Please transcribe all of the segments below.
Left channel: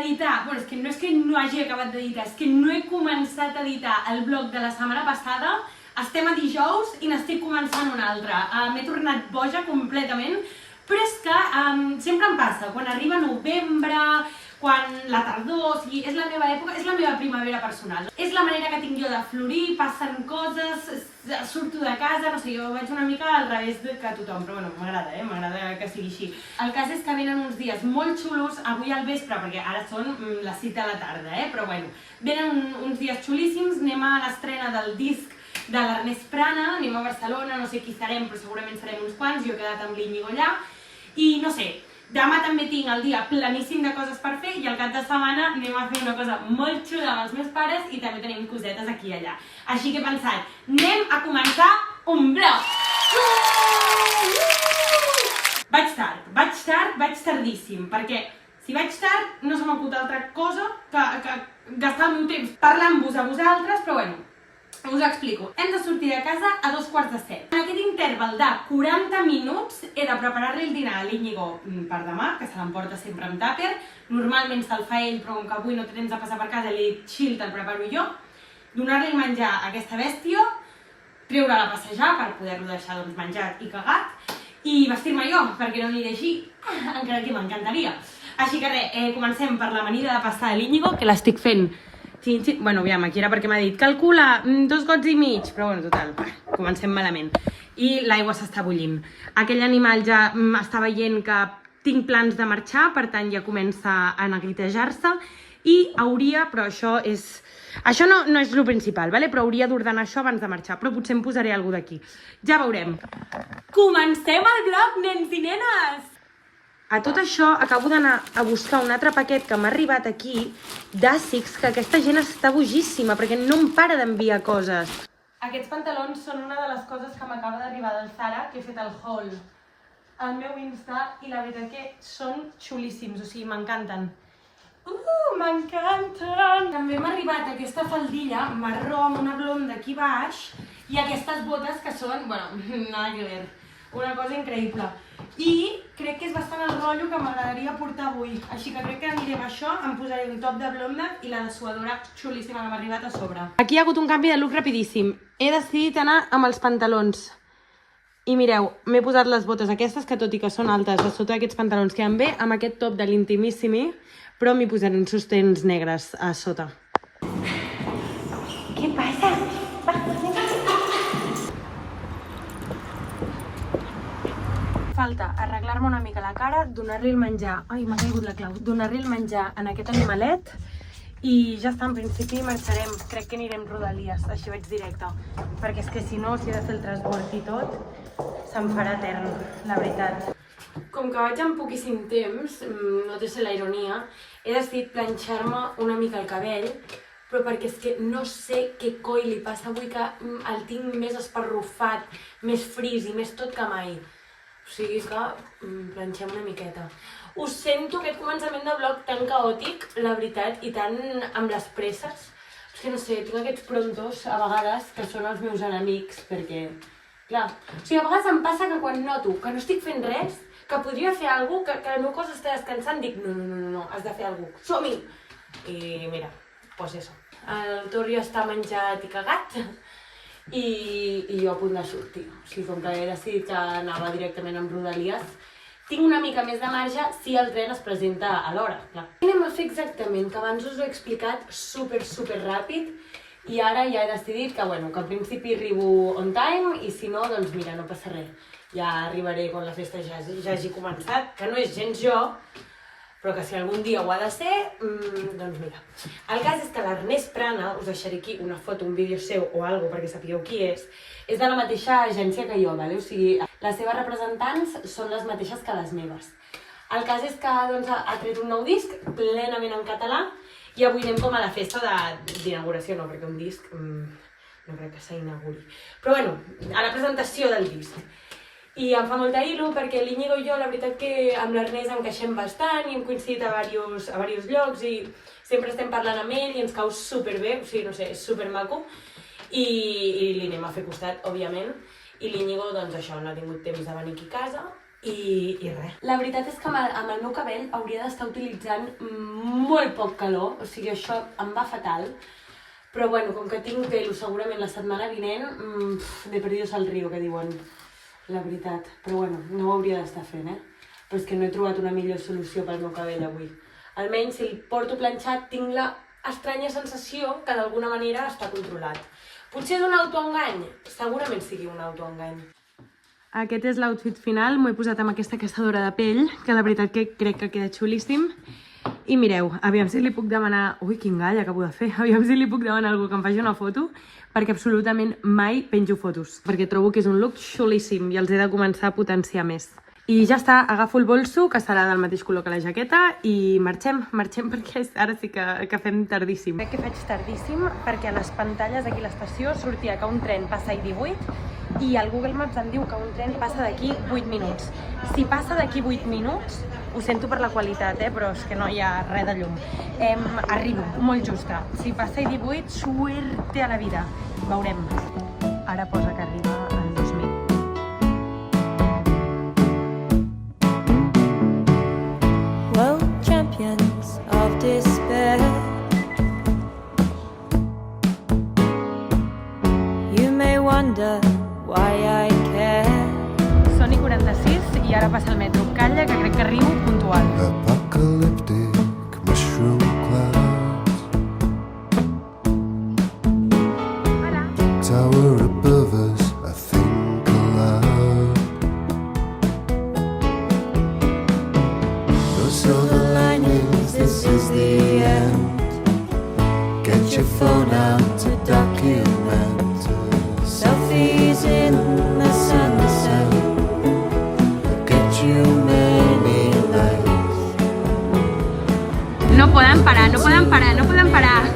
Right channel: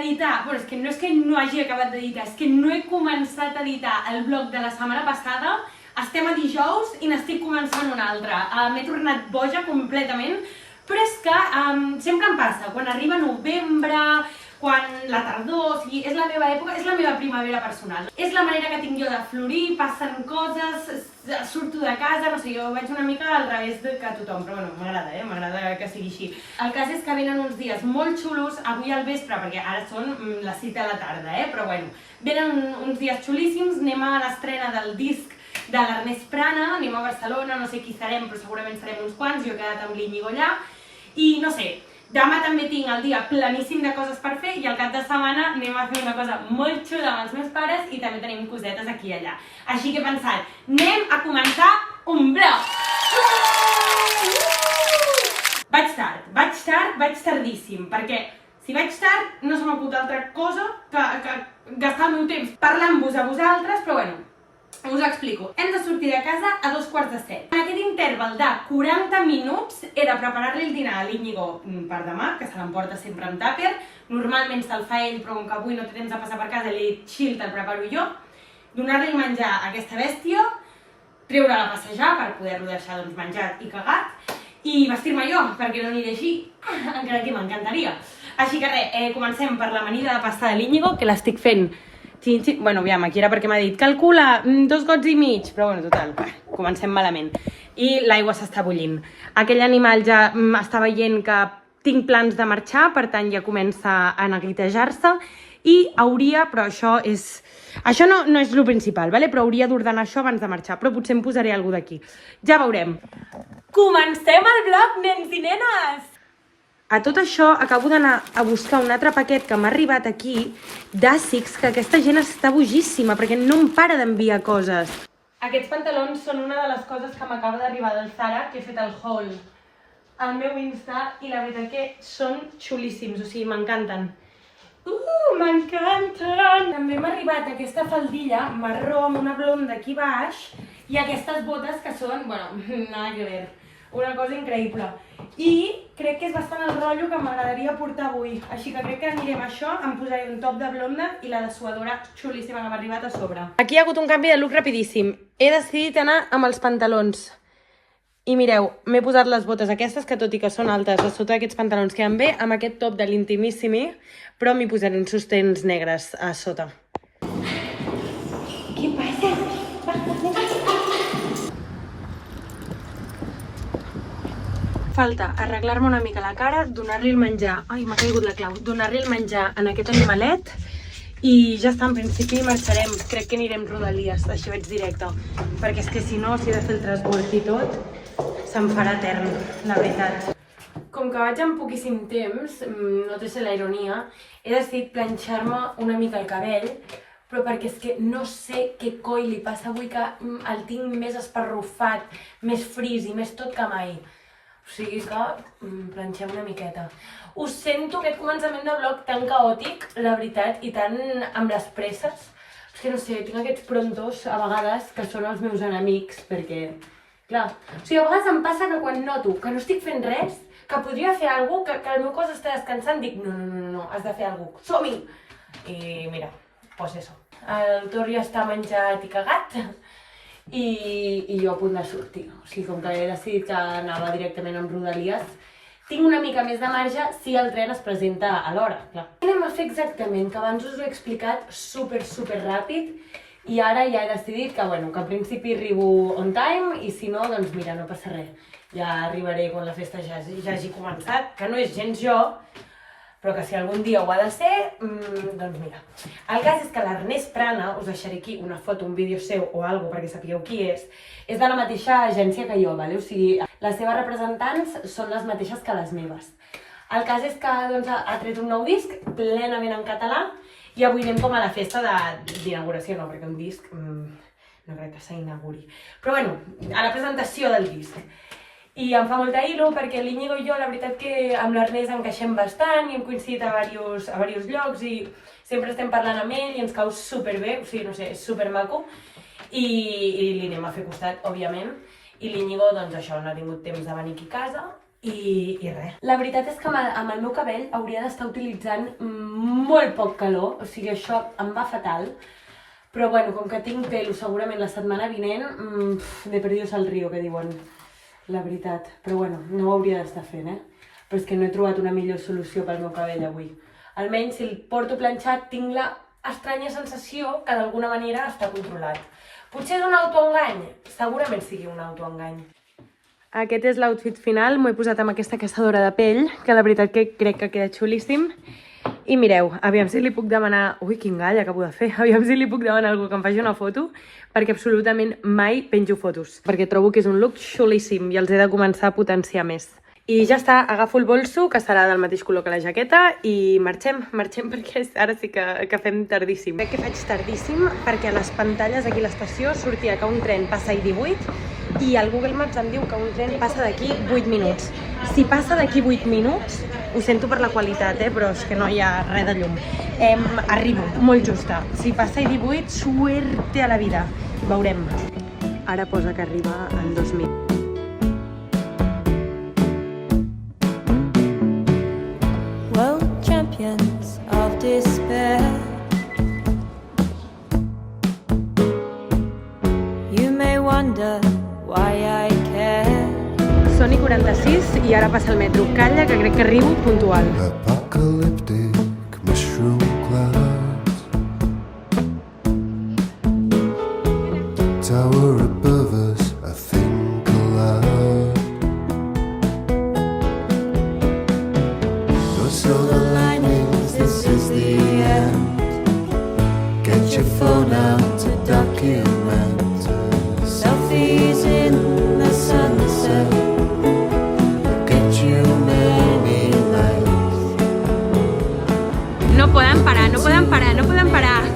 editar, bueno, és que no hagi acabat d'editar, és que no he començat a editar el blog de la setmana passada, estem a dijous i n'estic començant un altre. M'he tornat boja completament, però és que sempre em passa, quan arriba novembre, quan la tardor, o sigui, és la meva època, és la meva primavera personal. És la manera que tinc jo de florir, passen coses, surto de casa, no sé, jo vaig una mica al revés que tothom, però bueno, m'agrada, m'agrada que sigui així. El cas és que venen uns dies molt xulos, avui al vespre, perquè ara són les 6 de la tarda, però bueno, venen uns dies xulíssims, anem a l'estrena del disc de l'Ernest Prana, anem a Barcelona, no sé qui serem, però segurament serem uns quants, jo he quedat amb l'Iñigo allà, i no sé, demà també tinc el dia planíssim de coses per fer i al cap de setmana anem a fer una cosa molt xula amb els meus pares i també tenim cosetes aquí i allà. Així que he pensat, anem a començar un blog! Vaig tardíssim, perquè si vaig tard no se m'acut altra cosa que gastar el meu temps parlant-vos a vosaltres, però bueno, us ho explico. Hem de sortir de casa a 6:45. En aquest interval de 40 minuts he de preparar-li el dinar a l'Iñigo per demà, que se l'emporta sempre amb tàper. Normalment se'l fa ell, però com que avui no té temps de passar per casa, li he dit, xill, te'l preparo jo. Donar-li menjar a aquesta bèstia, treure-la a passejar per poder-lo deixar menjat i cagat, i vestir-me jo, perquè no aniré així, encara que m'encantaria. Així que res, comencem per l'amanida de pasta de l'Iñigo, que l'estic fent. Bueno, aviam, aquí era perquè m'ha dit calcula 2 gots i mig, però bueno, total, comencem malament. I l'aigua s'està bullint. Aquell animal ja està veient que tinc plans de marxar, per tant ja comença a neguitejar-se i hauria, però això no és el principal, però hauria d'ordenar això abans de marxar, però potser em posaré alguna d'aquí. Ja veurem. Comencem el vlog, nens i nenes! A tot això acabo d'anar a buscar un altre paquet que m'ha arribat aquí d'Asics, que aquesta gent està bogíssima perquè no em para d'enviar coses. Aquests pantalons són una de les coses que m'acaba d'arribar del Zara, que he fet el haul al meu Insta i la veritat que són xulíssims, o sigui, m'encanten. M'encanten! També m'ha arribat aquesta faldilla marró amb una blonda aquí baix i aquestes botes que són, bueno, nada que ver, una cosa increïble. I crec que és bastant el rotllo que m'agradaria portar avui, així que crec que anirem a això, em posaré un top de blonda i la dessuadora xulíssima que m'ha arribat a sobre. Aquí hi ha hagut un canvi de look rapidíssim. He decidit anar amb els pantalons. I mireu, m'he posat les botes aquestes, que tot i que són altes, a sota d'aquests pantalons queden bé, amb aquest top de l'Intimissimi, però m'hi posaré uns sostens negres a sota. Què passa? Falta arreglar-me una mica la cara, donar-li el menjar, ai, m'ha caigut la clau, donar-li el menjar en aquest animalet i ja està, en principi marxarem, crec que anirem rodalies, així vaig directe, perquè és que si no, si he de fer el transbord i tot, se'm farà etern, la veritat. Com que vaig amb poquíssim temps, no té ser la ironia, he decidit planxar-me una mica el cabell, però perquè és que no sé què coi li passa avui, que el tinc més esparrufat, més fris i més tot que mai. O sigui que planxem una miqueta. Us sento aquest començament de vlog tan caòtic, la veritat, i tan amb les presses. És que no sé, tinc aquests prontos a vegades que són els meus enemics, perquè, clar, o sigui, a vegades em passa que quan noto que no estic fent res, que podria fer alguna cosa, que el meu cos està descansant, dic, no, has de fer alguna cosa, som-hi! I mira, doncs això. El Tor ja està menjat i cagat, i jo a punt de sortir. O sigui, com que he decidit que anava directament amb Rodalies, tinc una mica més de marge si el tren es presenta a l'hora, clar. Què anem a fer exactament? Que abans us ho he explicat super ràpid i ara ja he decidit que, bueno, que al principi arribo on time i si no, doncs mira, no passa res. Ja arribaré quan la festa ja hagi començat, que no és gens jo, però que si algun dia ho ha de ser, doncs mira. El cas és que l'Ernest Prana, us deixaré aquí una foto, un vídeo seu o alguna cosa perquè sapigueu qui és de la mateixa agència que jo, o sigui, les seves representants són les mateixes que les meves. El cas és que ha tret un nou disc plenament en català i avui anem com a la festa d'inauguració, no, perquè un disc no crec que s'inauguri. Però bueno, a la presentació del disc. I em fa molta il·lu perquè l'Iñigo i jo, la veritat que amb l'Ernest encaixem bastant i hem coincidit a diversos llocs i sempre estem parlant amb ell i ens cau superbé, o sigui, no sé, és supermaco i li anem a fer costat, òbviament, i l'Iñigo, doncs això, no ha tingut temps de venir aquí a casa i res. La veritat és que amb el meu cabell hauria d'estar utilitzant molt poc calor, o sigui, això em va fatal. Però bueno, com que tinc pelo segurament la setmana vinent, de perdidos al río, que diuen, la veritat. Però bueno, no ho hauria d'estar fent, Però és que no he trobat una millor solució pel meu cabell avui. Almenys, si el porto planxat, tinc la estranya sensació que d'alguna manera està controlat. Potser és un autoengany? Segurament sigui un autoengany. Aquest és l'outfit final, m'ho he posat amb aquesta caçadora de pell, que la veritat que crec que queda xulíssim. I mireu, aviam si li puc demanar... Ui, quin gall acabo de fer! Aviam si li puc demanar a algú que em faci una foto, perquè absolutament mai penjo fotos, perquè trobo que és un look xulíssim i els he de començar a potenciar més. I ja està, agafo el bolso, que serà del mateix color que la jaqueta, i marxem perquè ara sí que fem tardíssim. Crec que faig tardíssim perquè a les pantalles aquí a l'estació sortia que un tren passa i 18 i el Google Maps em diu que un tren passa d'aquí 8 minuts. Si passa d'aquí 8 minuts, ho sento per la qualitat, però és que no hi ha res de llum. Arribo, molt justa. Si passa i 18, suerte a la vida. Veurem. Ara posa que arriba en 2 minuts. Champions of despair, you may wonder why I care. Són i 46 i ara passa el metro. Calla, que crec que arribo puntual. Apocalyptic mushroom clouds tower above us, I think aloud. No silver linings, this is the end. Get your phone out to document selfies in the sunset. Get you many likes. No poden parar, no poden parar, no poden parar.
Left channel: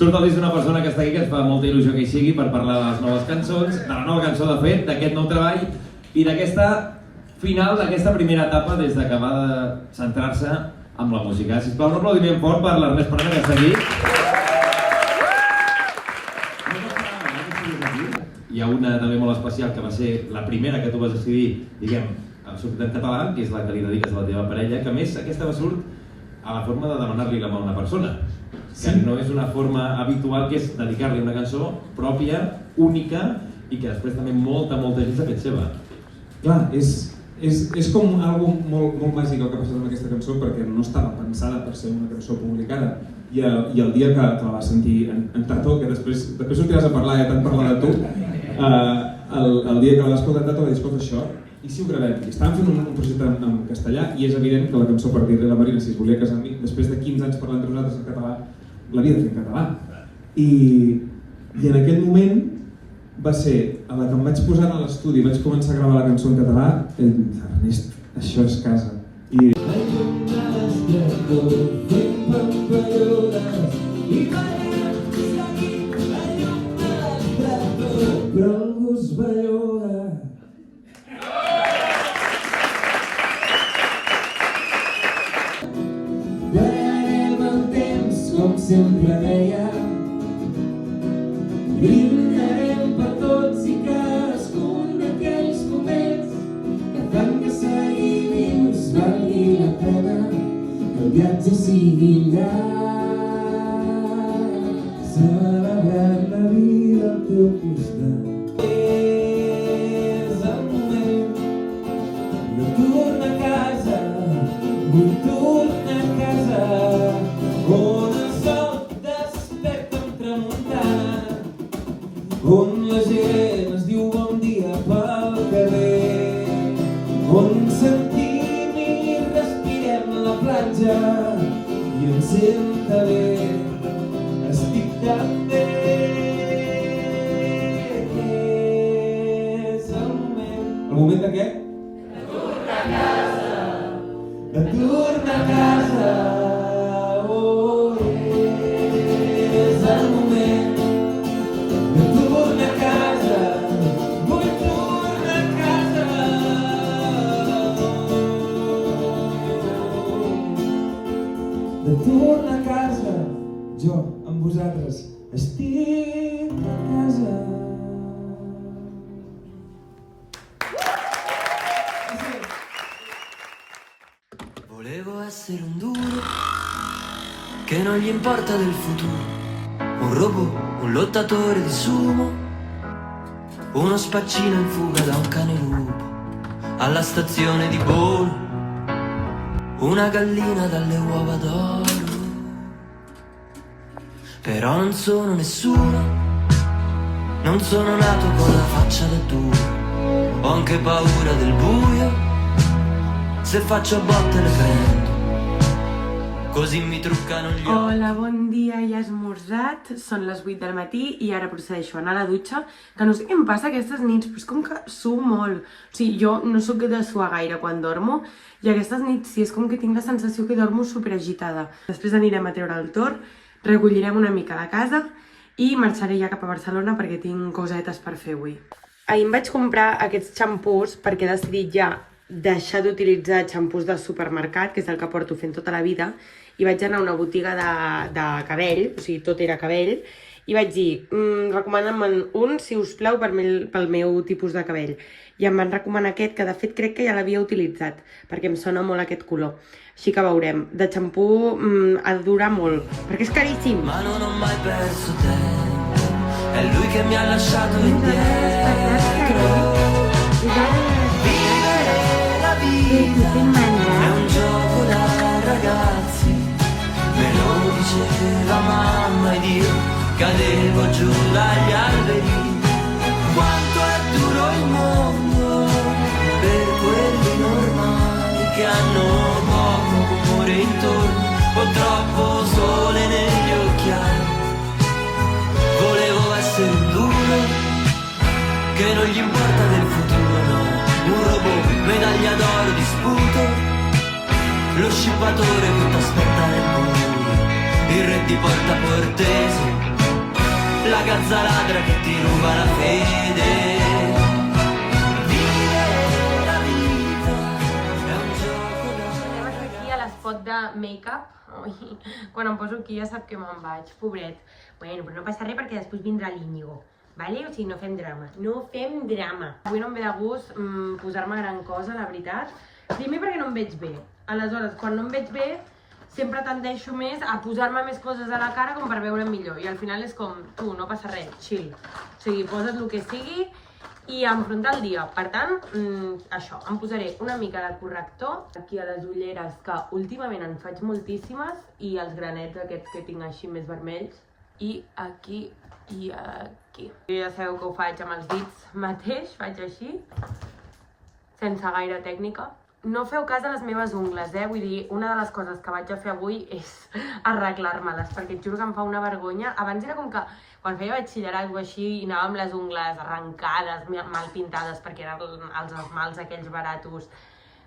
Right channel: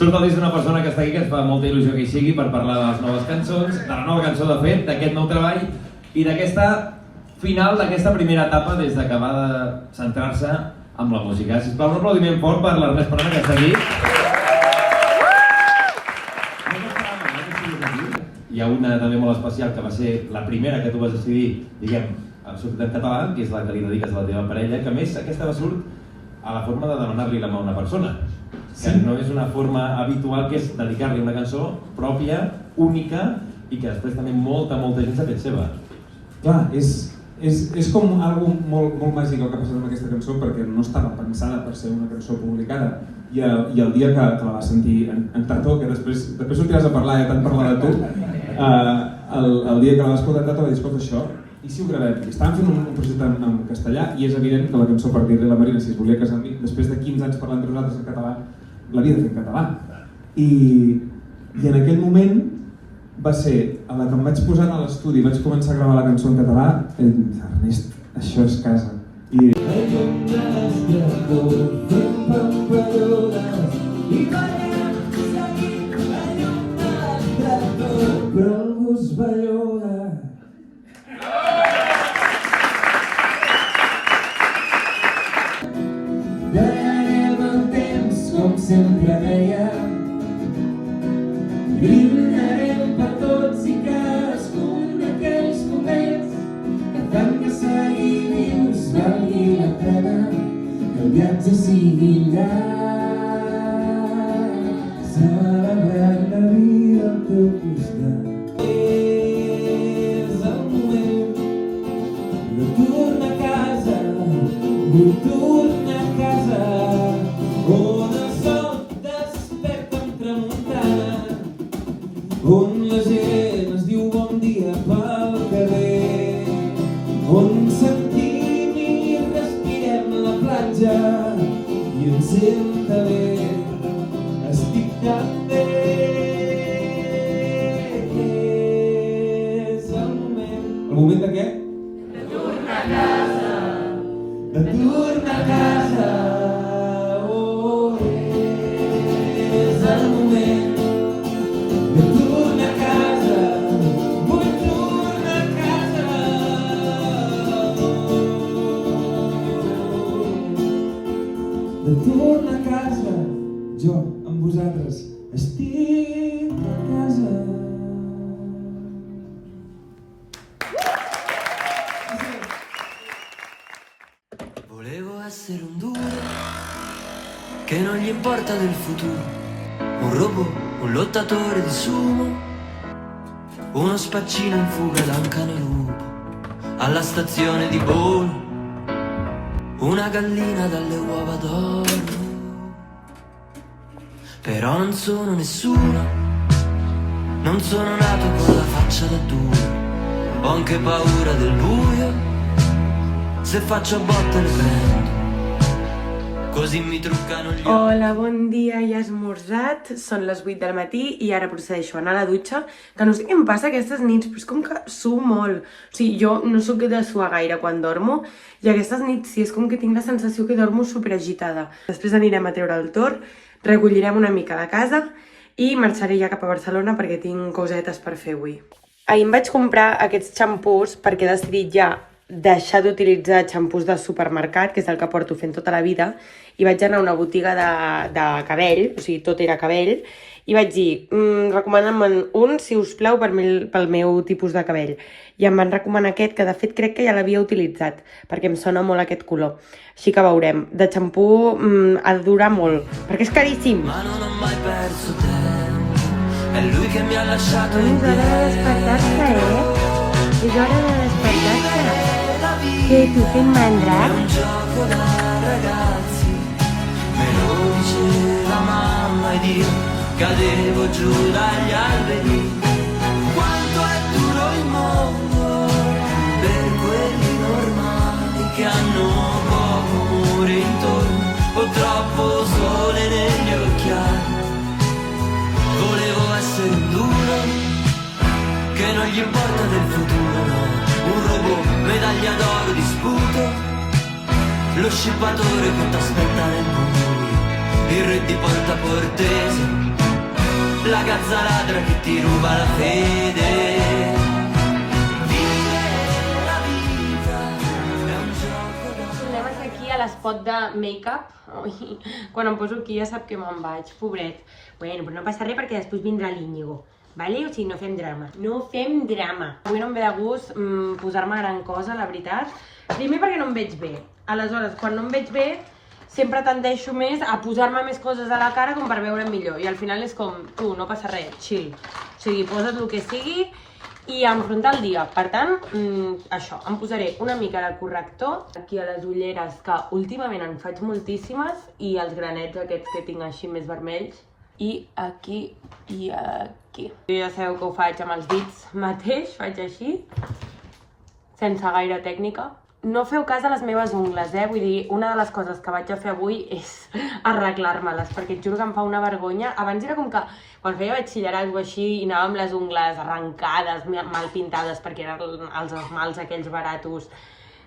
Surt el disc d'una persona que està aquí, que ens fa molta il·lusió que hi sigui per parlar de les noves cançons, de la nova cançó de fet, d'aquest nou treball i d'aquesta final, d'aquesta primera etapa des de que va de centrar-se amb la música. Sisplau, un aplaudiment fort per l'Ernest Parada, que està aquí. Hi ha una també molt especial que va ser la primera que tu vas decidir, diguem, en sortit en català, que és la que li dediques a la teva parella, que a més aquesta va surt a la forma de demanar-li la mà a una persona. Que no és una forma habitual, que és dedicar-li una cançó pròpia, única, i que després també molta gent s'ha fet seva. Clar, és com algo molt màgic el que ha passat amb aquesta cançó, perquè no estava pensada per ser una cançó publicada. I el dia que la vas sentir en Tato, que després sortiràs a parlar, tant parlar de tu, el dia que la vas escoltar en Tato va dir, escolta això, i si ho gravem? I estàvem fent un projecte en castellà i és evident que la cançó, per dir-li a la Marina si es volia casar amb mi, després de 15 anys parlant entre nosaltres en català, l'havia de fer en català. I en aquell moment va ser a la que em vaig posar a l'estudi i vaig començar a gravar la cançó en català, Ernest, això és casa. I... Darem el temps com sempre dèiem, brindarem per tots i cadascun d'aquells moments que fan que seguir vius valgui la pena, que el viatge sigui llarg, celebrant la vida al teu costat. És el moment de tornar a casa, vull tornar a casa, on el sol desperta amb tramuntana, on la gent es diu bon dia pel carrer, on sentim i respirem la platja i em senta bé, estic tan bé. És el moment de què? De tornar a casa. De tornar a casa. Oh, és el moment de tornar a casa. Vull tornar a casa. De tornar a casa. Jo, amb vosaltres, estic a casa. Volevo essere un duro che non gli importa del futuro, un robot, un lottatore di sumo, uno spaccino in fuga da un cane lupo, alla stazione di Bolo, una gallina dalle uova d'oro. Però non sono nessuno, non sono nato con la faccia da duro, ho anche paura del buio, se faccio a botte le prendo, così mi truccano gli occhi. Hola, bon dia, ja he esmorzat, són les 8 del matí i ara procedeixo a anar a la dutxa, que no sé què em passa aquestes nits, però és com que suo molt. O sigui, jo no sóc de suar gaire quan dormo i aquestes nits sí, és com que tinc la sensació que dormo superagitada. Després anirem a treure el torn, recollirem una mica la casa i marxaré ja cap a Barcelona perquè tinc cosetes per fer avui. Ahir em vaig comprar aquests xampús perquè he decidit ja deixar d'utilitzar xampús del supermercat, que és el que porto fent tota la vida, i vaig anar a una botiga de cabell, o sigui, tot era cabell, i vaig dir, recomana'm un, si us plau, pel meu tipus de cabell. I em van recomanar aquest, que de fet crec que ja l'havia utilitzat, perquè em sona molt aquest color. Així que veurem. De xampú ha de durar molt, perquè és caríssim. Ma non ho mai perso tempo, è lui che mi ha lasciato indietro. Vivere la vita è un gioco da ragazzi, me lo diceva mamma ed io cadevo giù dagli alberi. Quanto è duro il mondo per quelli normali che hanno poco amore intorno o troppo sole negli occhiali. Volevo essere un duro che non gli importa del futuro, no, un robot, medaglia d'oro di sputo, lo scippatore che t'aspetta nel buio, il re di Porta Portese, la gazza ladra che ti ruba la fede. Vivere la vita è un gioco da... Anem aquí a l'espot de make-up. Ui, quan em poso aquí ja sap que me'n vaig, pobret. Bueno, però no passa res perquè després vindrà l'Íñigo. Vale? O sigui, no fem drama. No fem drama. Avui no em ve de gust posar-me gran cosa, la veritat. Primer perquè no em veig bé. Aleshores, quan no em veig bé, sempre tendeixo més a posar-me més coses a la cara com per veure'm millor. I al final és com, tu, no passa res, chill. O sigui, posa't el que sigui i enfrontar el dia. Per tant, això, em posaré una mica de corrector aquí a les ulleres, que últimament en faig moltíssimes, i els granets aquests que tinc així més vermells. I aquí i aquí. Ja sabeu que ho faig amb els dits mateix, faig així, sense gaire tècnica. No feu cas a les meves ungles, vull dir, una de les coses que vaig a fer avui és arreglar-me-les, perquè et juro que em fa una vergonya. Abans era com que, quan feia batxillerat o així, i anava amb les ungles arrencades, mal pintades, perquè eren els esmalts aquells baratos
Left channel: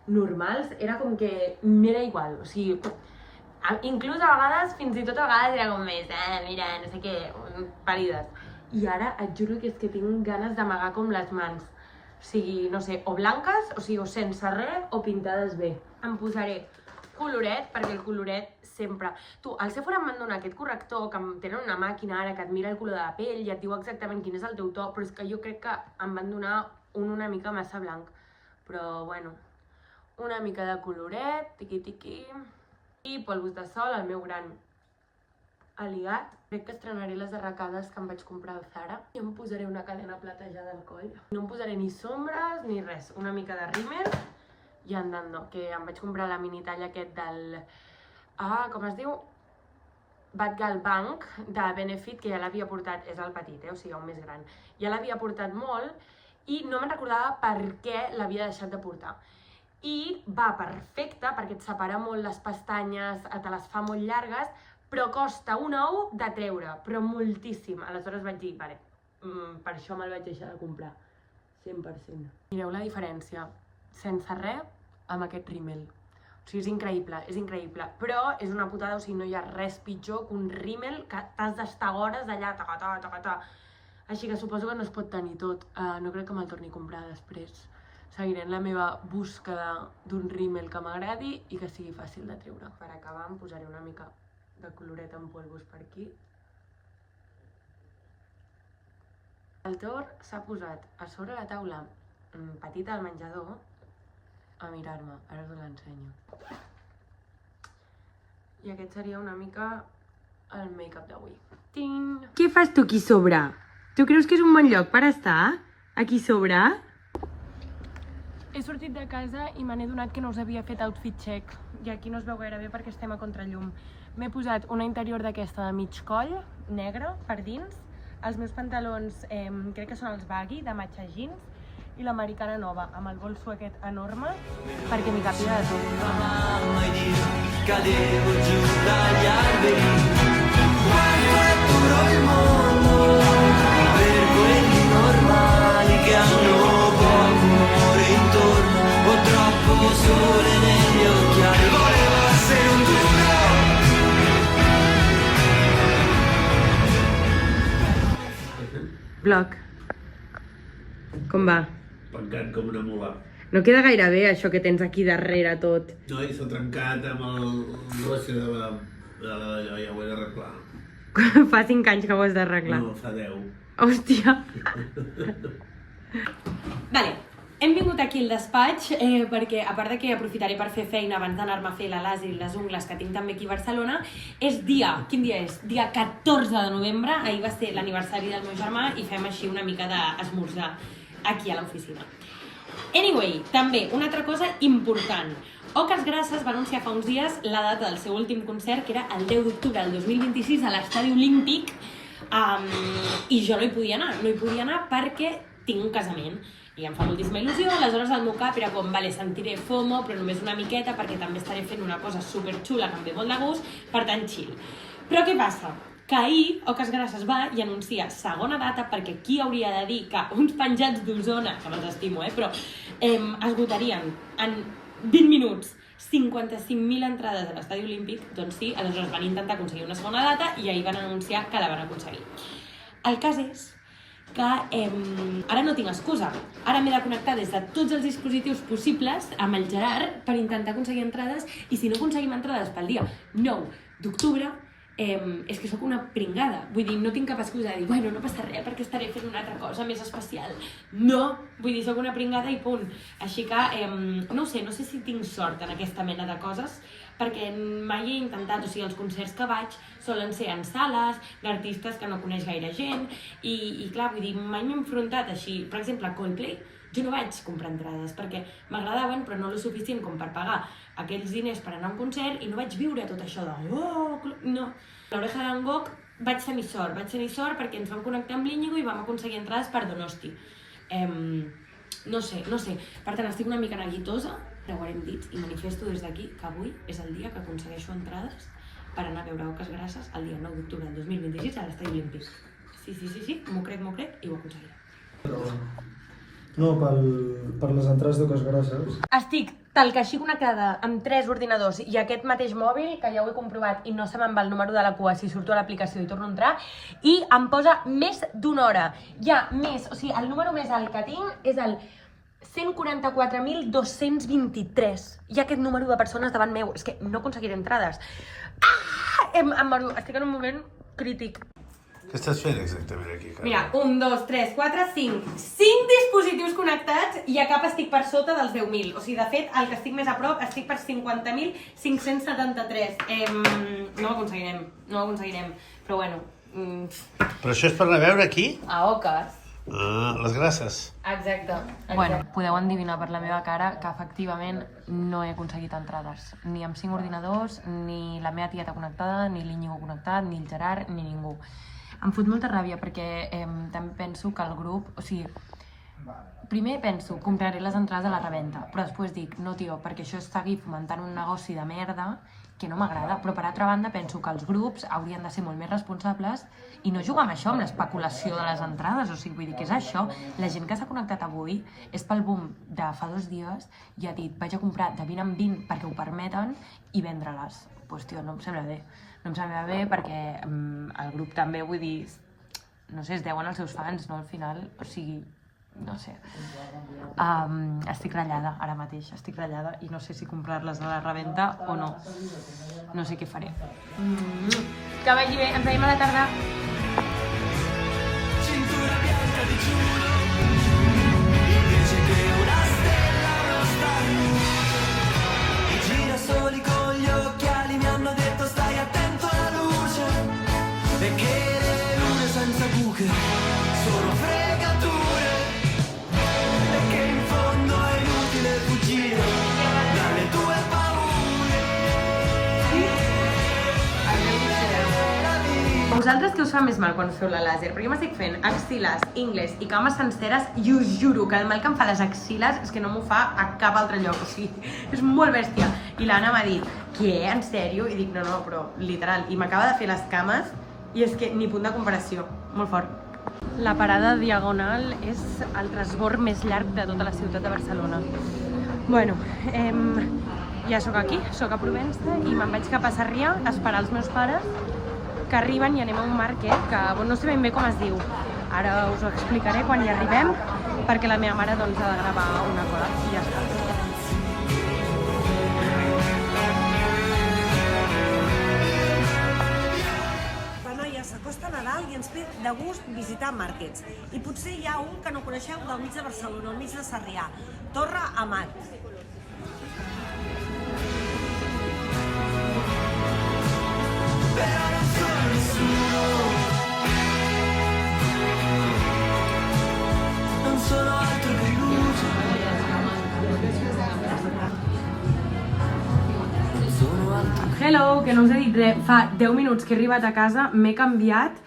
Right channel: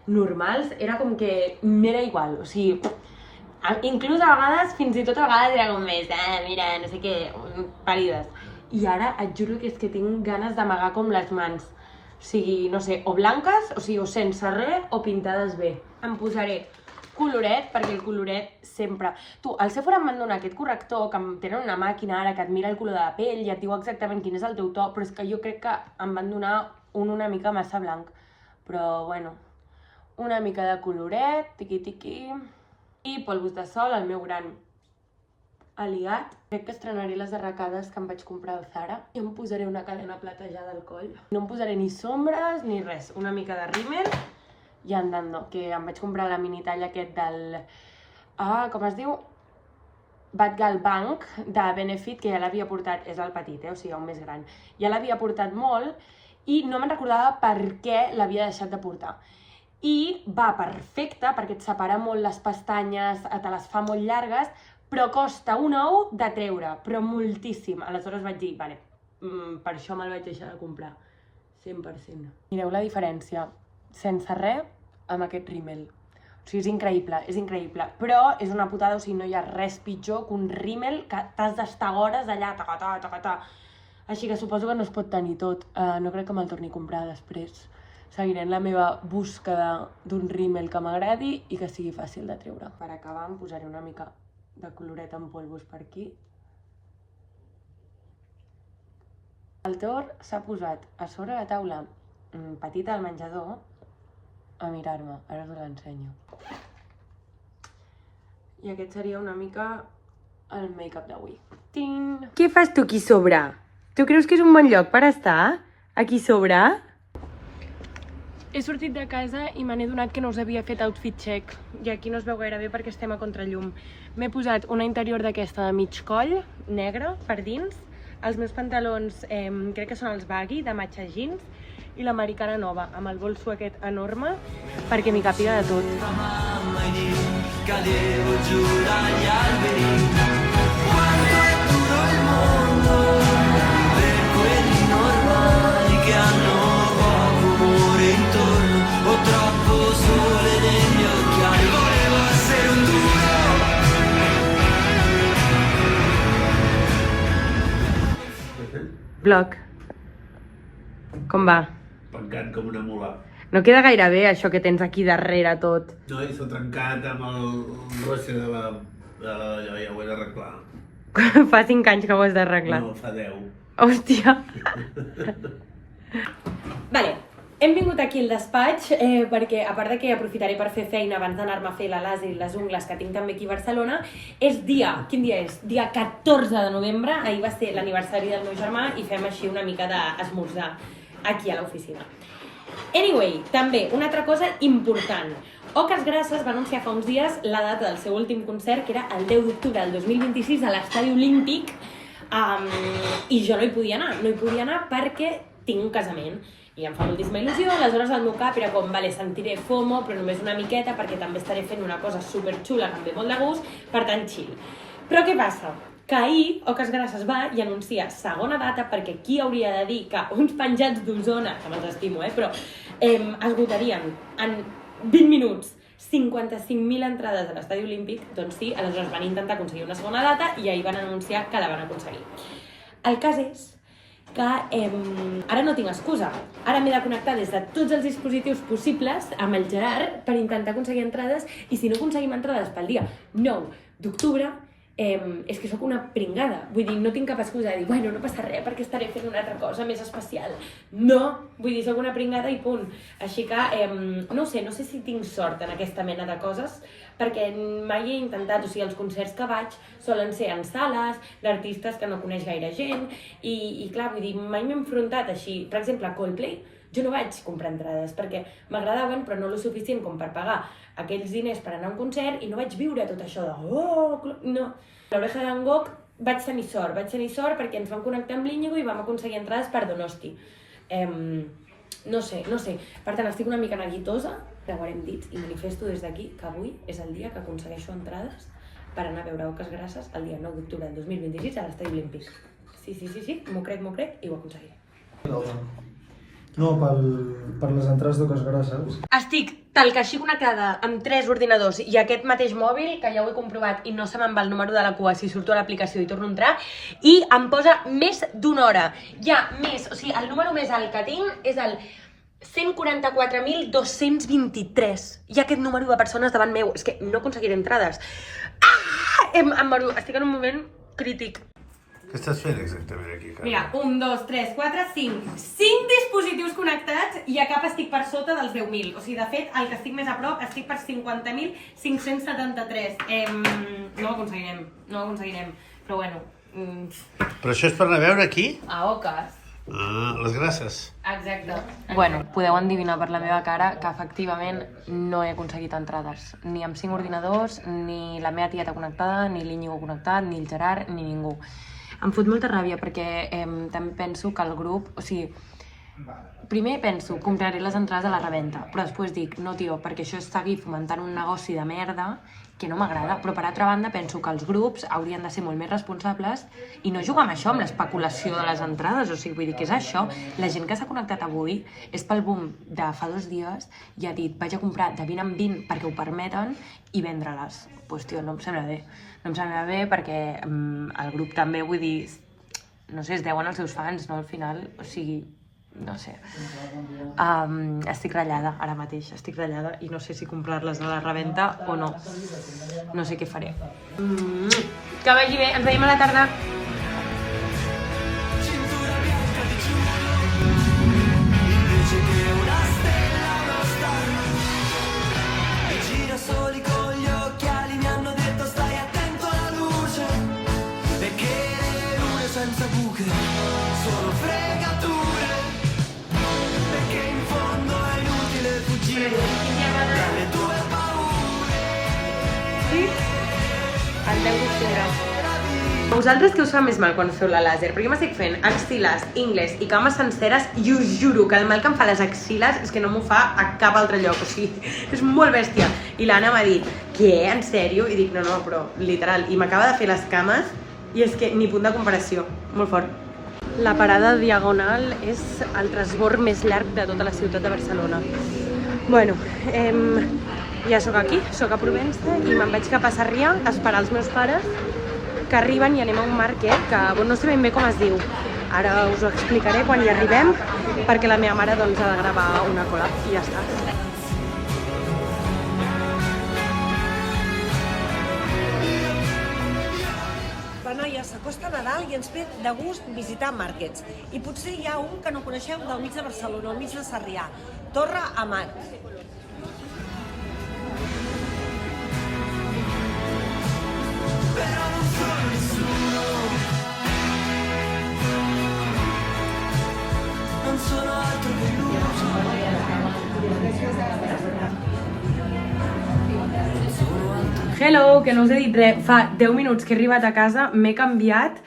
normals, era com que m'era igual, o sigui... Inclús a vegades, fins i tot a vegades era com més, mira, no sé què, pàl·lides. I ara et juro que és que tinc ganes d'amagar com les mans. O sigui, no sé, o blanques, o sigui, o sense res, o pintades bé. Em posaré coloret, perquè el coloret sempre... Tu, al Sephora em van donar aquest corrector, que tenen una màquina ara que et mira el color de la pell i et diu exactament quin és el teu to, però és que jo crec que em van donar una mica massa blanc. Però, bueno, una mica de coloret, tiqui-tiqui... I polvos de sol, el meu gran aliat. Crec que estrenaré les arracades que em vaig comprar al Zara. I em posaré una cadena platejada al coll. No em posaré ni sombres ni res. Una mica de rímel i andando. Que em vaig comprar la mini talla aquest del... com es diu? Bad Gal Bank de Benefit, que ja l'havia portat, és el petit, o sigui, el més gran. Ja l'havia portat molt i no me'n recordava per què l'havia deixat de portar. I va perfecte perquè et separa molt les pestanyes, te les fa molt llargues, però costa un ou de treure, però moltíssim. Aleshores vaig dir, vale, per això me'l vaig deixar de comprar, 100%. Mireu la diferència, sense res, amb aquest rímel. O sigui, és increïble, però és una putada, o sigui, no hi ha res pitjor que un rímel que t'has d'estar hores allà, tacatà. Així que suposo que no es pot tenir tot, no crec que me'l torni a comprar després. Seguiré en la meva búsqueda d'un rímel que m'agradi i que sigui fàcil de treure. Per acabar em posaré una mica de coloret en polvos per aquí. El Thor s'ha posat a sobre la taula petita al menjador a mirar-me. Ara us l'ensenyo. I aquest seria una mica el make-up d'avui. Què fas tu aquí sobre? Tu creus que és un bon lloc per estar? Aquí sobre? He sortit de casa i me n'he donat que no us havia fet outfit check. I aquí no es veu gaire bé perquè estem a contrallum. M'he posat una interior d'aquesta de mig coll, negra, per dins. Els meus pantalons crec que són els baggy, de matxa jeans. I l'americana nova, amb el bolso aquest enorme, perquè m'hi capira de tot. Mamma Dio, cadevo giù dagli alberi. Quanto è duro il mondo per quelli normali che hanno poco umore intorno o troppo sole negli occhiali. Volevo essere un duro. Vlog. Com va? Pencat com una mula. No queda gaire bé això que tens aquí darrere tot. No, i s'ha trencat amb el rosse de la... ja ho he d'arreglar. Fa 5 anys que ho has d'arreglar. No, fa 10. Hòstia. Vale, hem vingut aquí al despatx perquè, a part de que aprofitaré per fer feina abans d'anar-me a fer la làser i les ungles que tinc també aquí a Barcelona, és dia, quin dia és? Dia 14 de novembre, ahir va ser l'aniversari del meu germà i fem així una mica d'esmorzar aquí a l'oficina. Anyway, també, una altra cosa important. Oques Grasses va anunciar fa uns dies la data del seu últim concert, que era el 10 d'octubre del 2026 a l'Estadi Olímpic, i jo no hi podia anar perquè tinc un casament i em fa moltíssima il·lusió. Aleshores el meu cap era com, vale, sentiré FOMO, però només una miqueta perquè també estaré fent una cosa superxula que em ve molt de gust, per tant chill. Però què passa? Que ahir Oques Grasses va i anuncia segona data, perquè qui hauria de dir que uns penjats d'Osona, que me'ls estimo, però esgotarien en 20 minuts 55.000 entrades a l'Estadi Olímpic, doncs sí, aleshores van intentar aconseguir una segona data i ahir van anunciar que la van aconseguir. El cas és que ara no tinc excusa. Ara m'he de connectar des de tots els dispositius possibles amb el Gerard per intentar aconseguir entrades, i si no aconseguim entrades pel dia 9 d'octubre, és que sóc una pringada. Vull dir, no tinc cap excusa de dir, bueno, no passa res perquè estaré fent una altra cosa més especial. No, vull dir, sóc una pringada i punt. Així que, no ho sé, no sé si tinc sort en aquesta mena de coses, perquè mai he intentat, o sigui, els concerts que vaig solen ser en sales, d'artistes que no coneix gaire gent, i clar, vull dir, mai m'he enfrontat així. Per exemple, a Coldplay, jo no vaig comprar entrades perquè m'agradaven, però no lo suficient com per pagar aquells diners per anar a un concert, i no vaig viure tot això de no. A l'Oreja de Van Gogh vaig tenir sort perquè ens vam connectar amb l'Íñigo i vam aconseguir entrades per Donosti. No sé. Per tant, estic una mica neguitosa, creuarem dits i manifesto des d'aquí que avui és el dia que aconsegueixo entrades per anar a veure Oques Grasses el dia 9 d'octubre del 2026 a l'Estadi Olímpic. Sí, m'ho crec i ho aconseguiré. No, per les entrades d'Oques Grasses. Estic tal que així connectada amb 3 ordinadors i aquest mateix mòbil, que ja ho he comprovat i no se me'n va el número de la cua si surto a l'aplicació i torno a entrar, i em posa més d'una hora. Ja més, o sigui, el número més alt que tinc és el 144.223. Hi ha aquest número de persones davant meu. És que no aconseguiré entrades. Estic en un moment crític. Què estàs fent exactament aquí, Carme? Mira, 1, 2, 3, 4, 5. 5 dispositius connectats i a cap estic per sota dels 10.000. O sigui, de fet, el que estic més a prop estic per 50.573. No ho aconseguirem. Però bueno... Però això és per anar a veure aquí? A Oques. Ah, les Grasses. Exacte. Bueno, podeu endevinar per la meva cara que efectivament no he aconseguit entrades. Ni amb 5 ordinadors, ni la meva tieta connectada, ni l'Íñigo connectat, ni el Gerard, ni ningú. Em fot molta ràbia perquè també penso que el grup, o sigui, primer penso, compraré les entrades a la revenda, però després dic, no tio, perquè això és seguir fomentant un negoci de merda que no m'agrada, però per altra banda penso que els grups haurien de ser molt més responsables i no jugar amb això, amb l'especulació de les entrades, o sigui, vull dir, què és això? La gent que s'ha connectat avui és pel boom de fa 2 dies i ha dit, vaig a comprar de 20 en 20 perquè ho permeten i vendre-les. Doncs, tio, no em sembla bé. No em sembla bé perquè el grup també, vull dir, no sé, es deuen als seus fans, no? Al final, o sigui, no sé. Estic ratllada ara mateix, estic ratllada i no sé si comprar-les a la revenda o no. No sé què faré. Que vagi bé, ens veiem a la tarda. Cintura bianca di giuro, invece che una stella, uno star. I girasoli con gli occhiali mi hanno detto Vosaltres què us fa més mal quan us feu la làser? Perquè jo m'estic fent axil·les, ingles i cames senceres i us juro que el mal que em fa les axil·les és que no m'ho fa a cap altre lloc, o sigui, és molt bèstia. I l'Anna m'ha dit, què, en sèrio? I dic, no, però literal. I m'acaba de fer les cames i és que ni punt de comparació, molt fort. La parada Diagonal és el transbord més llarg de tota la ciutat de Barcelona. Bueno, ja sóc aquí, sóc a Provença i me'n vaig cap a Sarrià a esperar els meus pares que arriben i anem a un market que no sé ben bé com es diu. Ara us ho explicaré quan hi arribem perquè la meva mare doncs ha de gravar una cola i ja està. Va, noia, s'acosta Nadal i ens ve de gust visitar markets. I potser hi ha un que no coneixeu del mig de Barcelona, al mig de Sarrià, Torre Amat. Però non sono nessuno, non sono altro che luce, non sono altro che... Hello, que no us he dit res. Fa 10 minuts que he arribat a casa, m'he canviat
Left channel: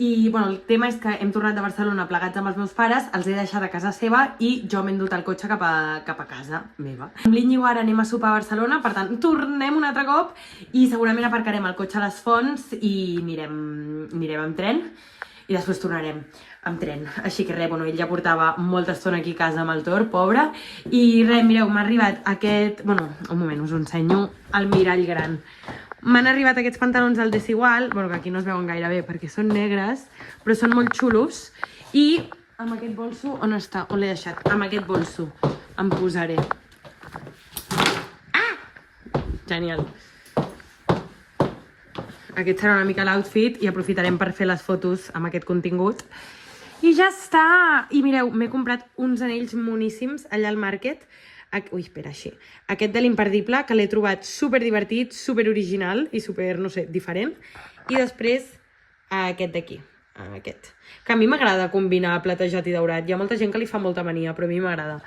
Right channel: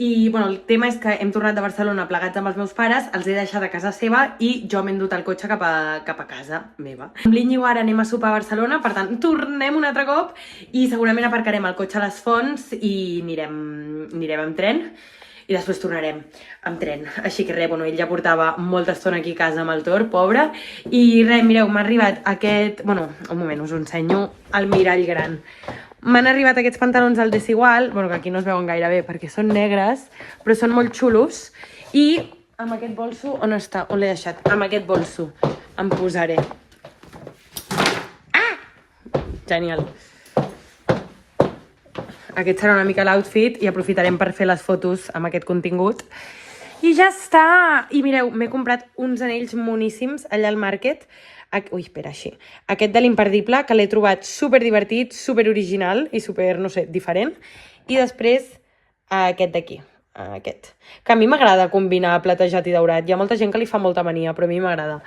i bueno, el tema és que hem tornat de Barcelona plegats amb els meus pares, els he deixat a casa seva i jo m'he endut el cotxe cap a casa meva. Amb l'Iñigo ara anem a sopar a Barcelona, per tant tornem un altre cop i segurament aparcarem el cotxe a les Fonts i anirem amb tren i després tornarem amb tren. Així que res, bueno, ell ja portava molta estona aquí a casa amb el Tor, pobre, i res, mireu, m'ha arribat aquest... Bueno, un moment, us ho ensenyo al mirall gran. M'han arribat aquests pantalons al Desigual, bueno, que aquí no es veuen gaire bé perquè són negres, però són molt xulos. I amb aquest bolso, on està? On l'he deixat? Amb aquest bolso em posaré. Ah! Genial. Aquest serà una mica l'outfit i aprofitarem per fer les fotos amb aquest contingut. I ja està! I mireu, m'he comprat uns anells moníssims allà al Market. Ui, espera, així. Aquest de l'Imperdible, que l'he trobat super divertit, super original i super, no sé, diferent. I després aquest d'aquí, aquest. Que a mi m'agrada combinar platejat i daurat. Hi ha molta gent que li fa molta mania, però a mi m'agrada.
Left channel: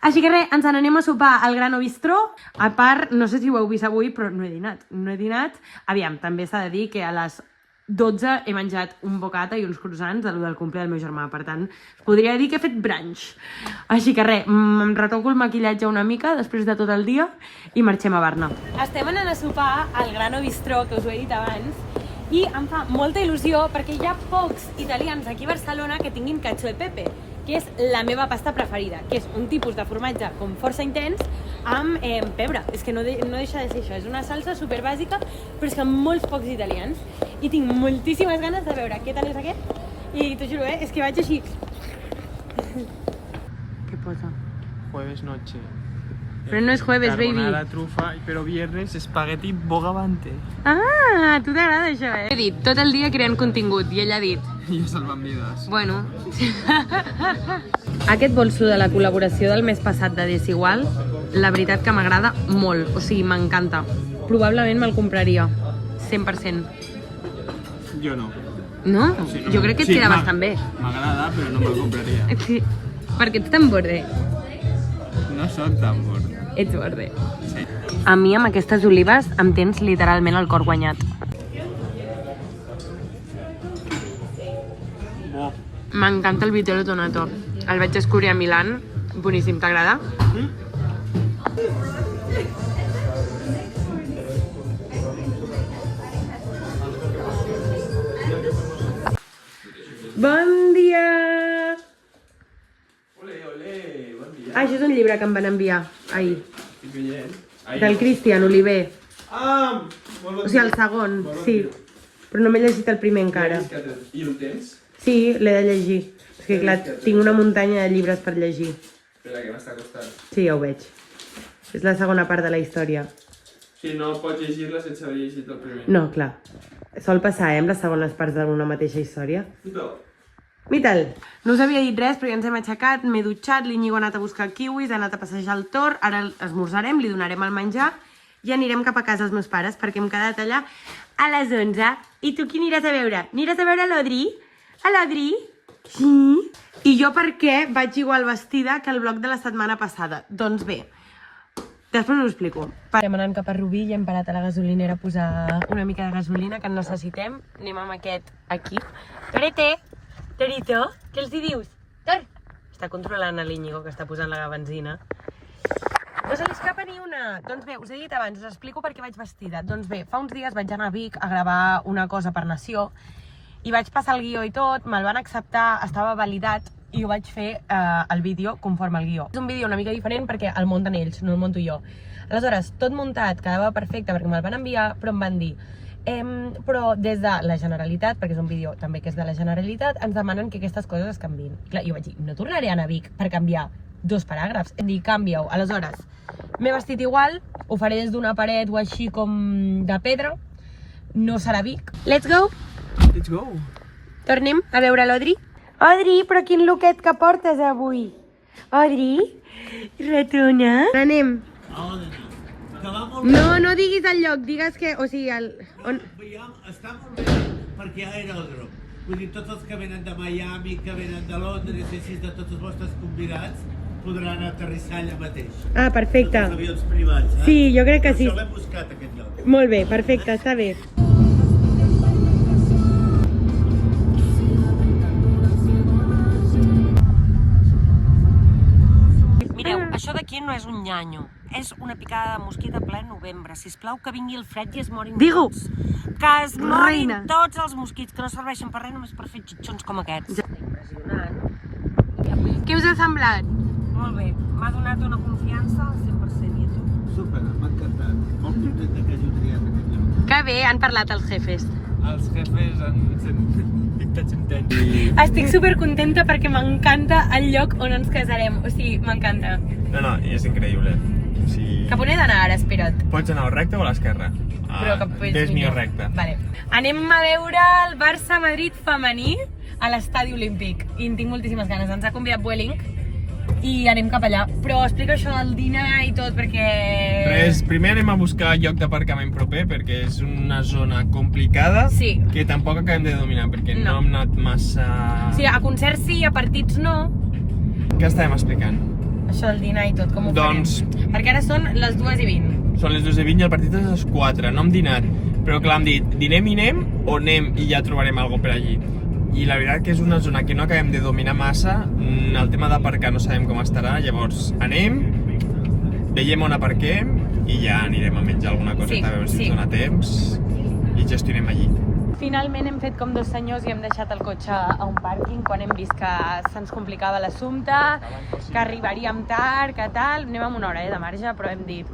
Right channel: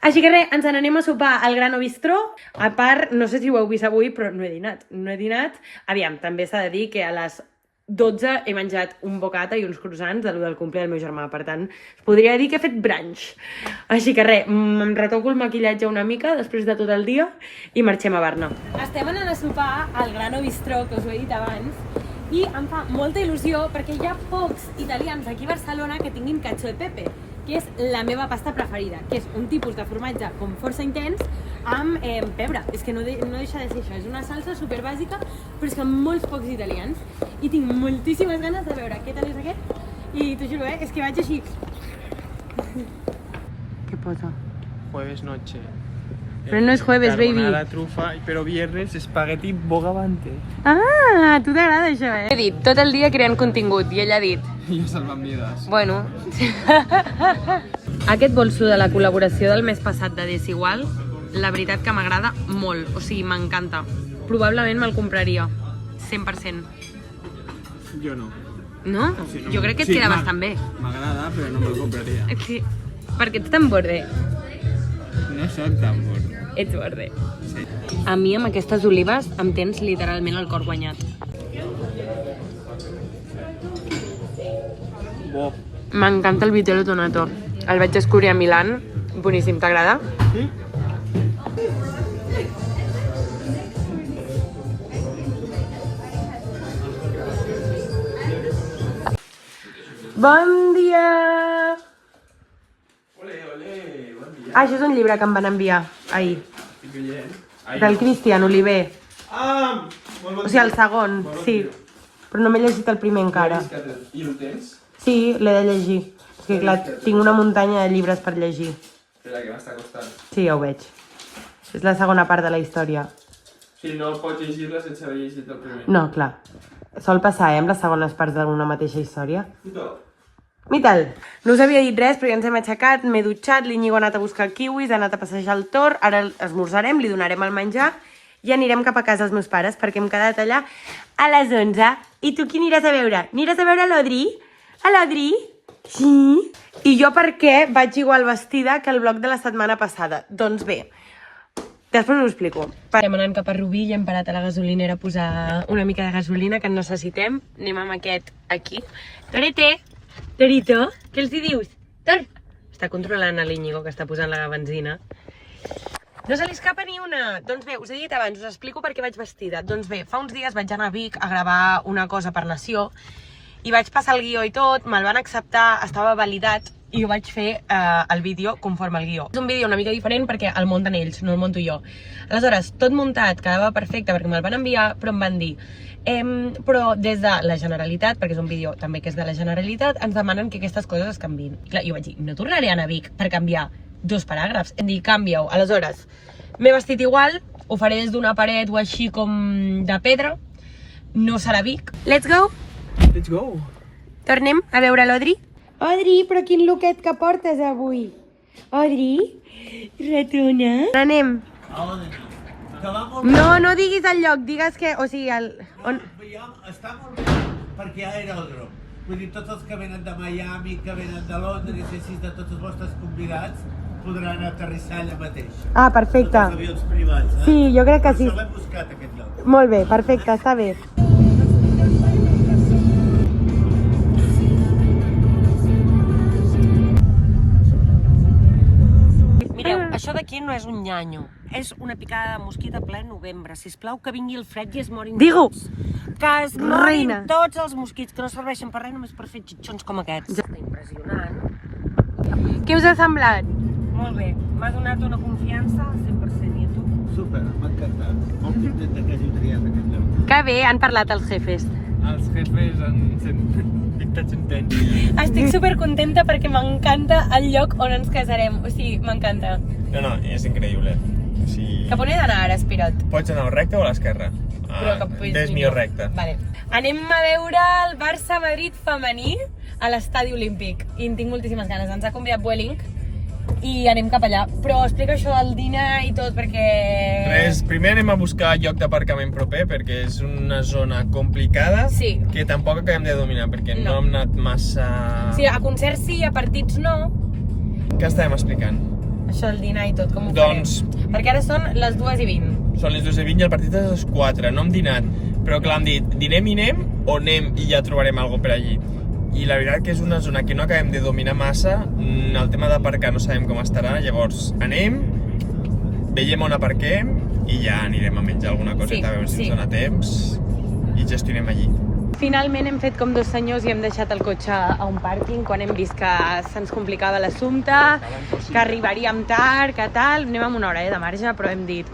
Així que res, ens n'anem a sopar al Grano Bistró. A part, no sé si ho heu vist avui, però no he dinat. No he dinat. Aviam, també s'ha de dir que a les 12 he menjat un bocata i uns croissants del cumple del meu germà, per tant, podria dir que he fet brunch. Així que res, em retoco el maquillatge una mica després de tot el dia i marxem a Barna. Estem anant a sopar al Grano Bistró, que us ho he dit abans, i em fa molta il·lusió perquè hi ha pocs italians aquí a Barcelona que tinguin cacio e pepe, que és la meva pasta preferida, que és un tipus de formatge com força intens amb pebre. És que no deixa de ser això, és una salsa super bàsica, però és que molts pocs italians. I tinc moltíssimes ganes de veure què tal és aquest. I t'ho juro, és que vaig així. Què posa? Jueves noche. Però no és jueves, baby. La trufa, però viernes espagueti bogavante. Ah, a tu t'agrada això, He dit tot el dia creant contingut i ell ha dit... Jo salvant vides. Bueno. Aquest bolso de la col·laboració del mes passat de Desigual, la veritat que m'agrada molt, o sigui, m'encanta. Probablement me'l compraria, 100%. Jo no. No? Sí, no. Jo crec que et queda bastant bé. M'agrada, però no me'l compraria. Sí, perquè ets tan borde. No soc tan borde. Ets borde. Sí. A mi amb aquestes olives em tens literalment el cor guanyat. Bo. M'encanta el vitello tonato. El vaig descobrir a Milán. Boníssim, t'agrada? Bon dia! Ole, bon dia. Ah, això és un llibre que em van enviar ahir. Del Cristian Oliver. Ah, molt bon O sigui, el segon, sí. Però no m'he llegit el primer encara. I el tens? Sí, l'he de llegir. És que clar, tinc una muntanya de llibres per llegir. Espera, que m'està costant. Sí, ja ho veig. És la segona part de la història. Si no pots llegir-la sense haver llegit el primer. No, clar. Sol passar, amb les segones parts d'una mateixa història. No. I tal. No us havia dit res, però ja ens hem aixecat, m'he dutxat, l'Iñigo ha anat a buscar kiwis, ha anat a passejar el Tor, ara esmorzarem, li donarem el menjar i anirem cap a casa dels meus pares perquè hem quedat allà a les 11. I tu qui aniràs a veure? Aniràs a veure l'Odri? A l'Odri? Sí? I jo per què vaig igual vestida que el vlog de la setmana passada? Doncs bé, Després us ho explico. Estem anant cap a Rubí i hem parat a la gasolinera a posar una mica de gasolina que en necessitem. Anem amb aquest aquí. Torete! Torito! Què els hi dius? Tor! Està controlant l'Iñigo que està posant la benzina. No se li escapa ni una! Doncs bé, us he dit abans, us explico per què vaig vestida. Doncs bé, fa uns dies vaig anar a Vic a gravar una cosa per Nació i vaig passar el guió i tot, me'l van acceptar, estava validat i jo vaig fer el vídeo conforme al guió. És un vídeo una mica diferent perquè el munten ells, no el monto jo. Aleshores, tot muntat, quedava perfecte perquè me'l van enviar, però em van dir però des de la Generalitat, perquè és un vídeo també que és de la Generalitat, ens demanen que aquestes coses es canviïn. Clar, jo vaig dir, no tornaré a anar a Vic per canviar 2 paràgrafs. Em dic, canvia-ho. Aleshores, m'he vestit igual, ho faré des d'una paret o així com de pedra, no serà Vic. Let's go! Let's go! Tornem a veure l'Odri. Odri, però quin looket que portes avui? Odri? Ratona? Anem. No, no diguis el lloc, digues que... O sigui, el... Està molt bé perquè ja era el grup. Vull dir, tots els que venen de Miami, que venen de Londres, i així de tots els vostres convidats, podran aterrissar allà mateix. Ah, perfecte. Tots els avions privats, eh? Sí, jo crec que sí. Per això l'hem buscat, aquest lloc. Molt bé, perfecte, està bé. Mireu, això d'aquí no és un nyanyo. És una picada de mosquit a ple novembre. Sisplau, que vingui el fred i es morin tots. Que es morin tots els mosquits, que no serveixen per res, només per fer xitxons com aquests. Impressionant. Què us ha semblat? Molt bé. M'ha donat una confiança al 100%, i a tu? Super, m'ha encantat. Molt content que hagi triat aquest lloc. Que bé, han parlat els jefes. Els jefes han dictat intents. Estic supercontenta perquè m'encanta el lloc on ens casarem. O sigui, m'encanta. No, és increïble. O sigui... Cap on he d'anar ara, espera't? Pots anar al recte o a l'esquerra? Ves millor recte. Vale. Anem a veure el Barça-Madrid femení a l'estadi olímpic. I en tinc moltíssimes ganes. Ens ha convidat Vueling i anem cap allà. Però explica això del dinar i tot perquè... Res, primer anem a buscar lloc d'aparcament proper perquè és una zona complicada que tampoc acabem de dominar perquè no hem anat massa... Sí, a concerts sí, a partits no. Què estàvem explicant? Això del dinar i tot, com ho farem? Perquè ara són les 2:20. Són les 2:20 i el partit és a les 4, no hem dinat. Però clar, hem dit, dinem i anem o anem i ja trobarem alguna per allí. I la veritat que és una zona que no acabem de dominar massa, el tema d'aparcar no sabem com estarà, llavors anem, veiem on aparquem i ja anirem a menjar alguna coseta, a veure si ens dona temps i gestionem allí. Finalment hem fet com 2 senyors i hem deixat el cotxe a un pàrquing quan hem vist que se'ns complicava l'assumpte, que arribaríem tard, que tal. Anem amb una hora de marge, però hem dit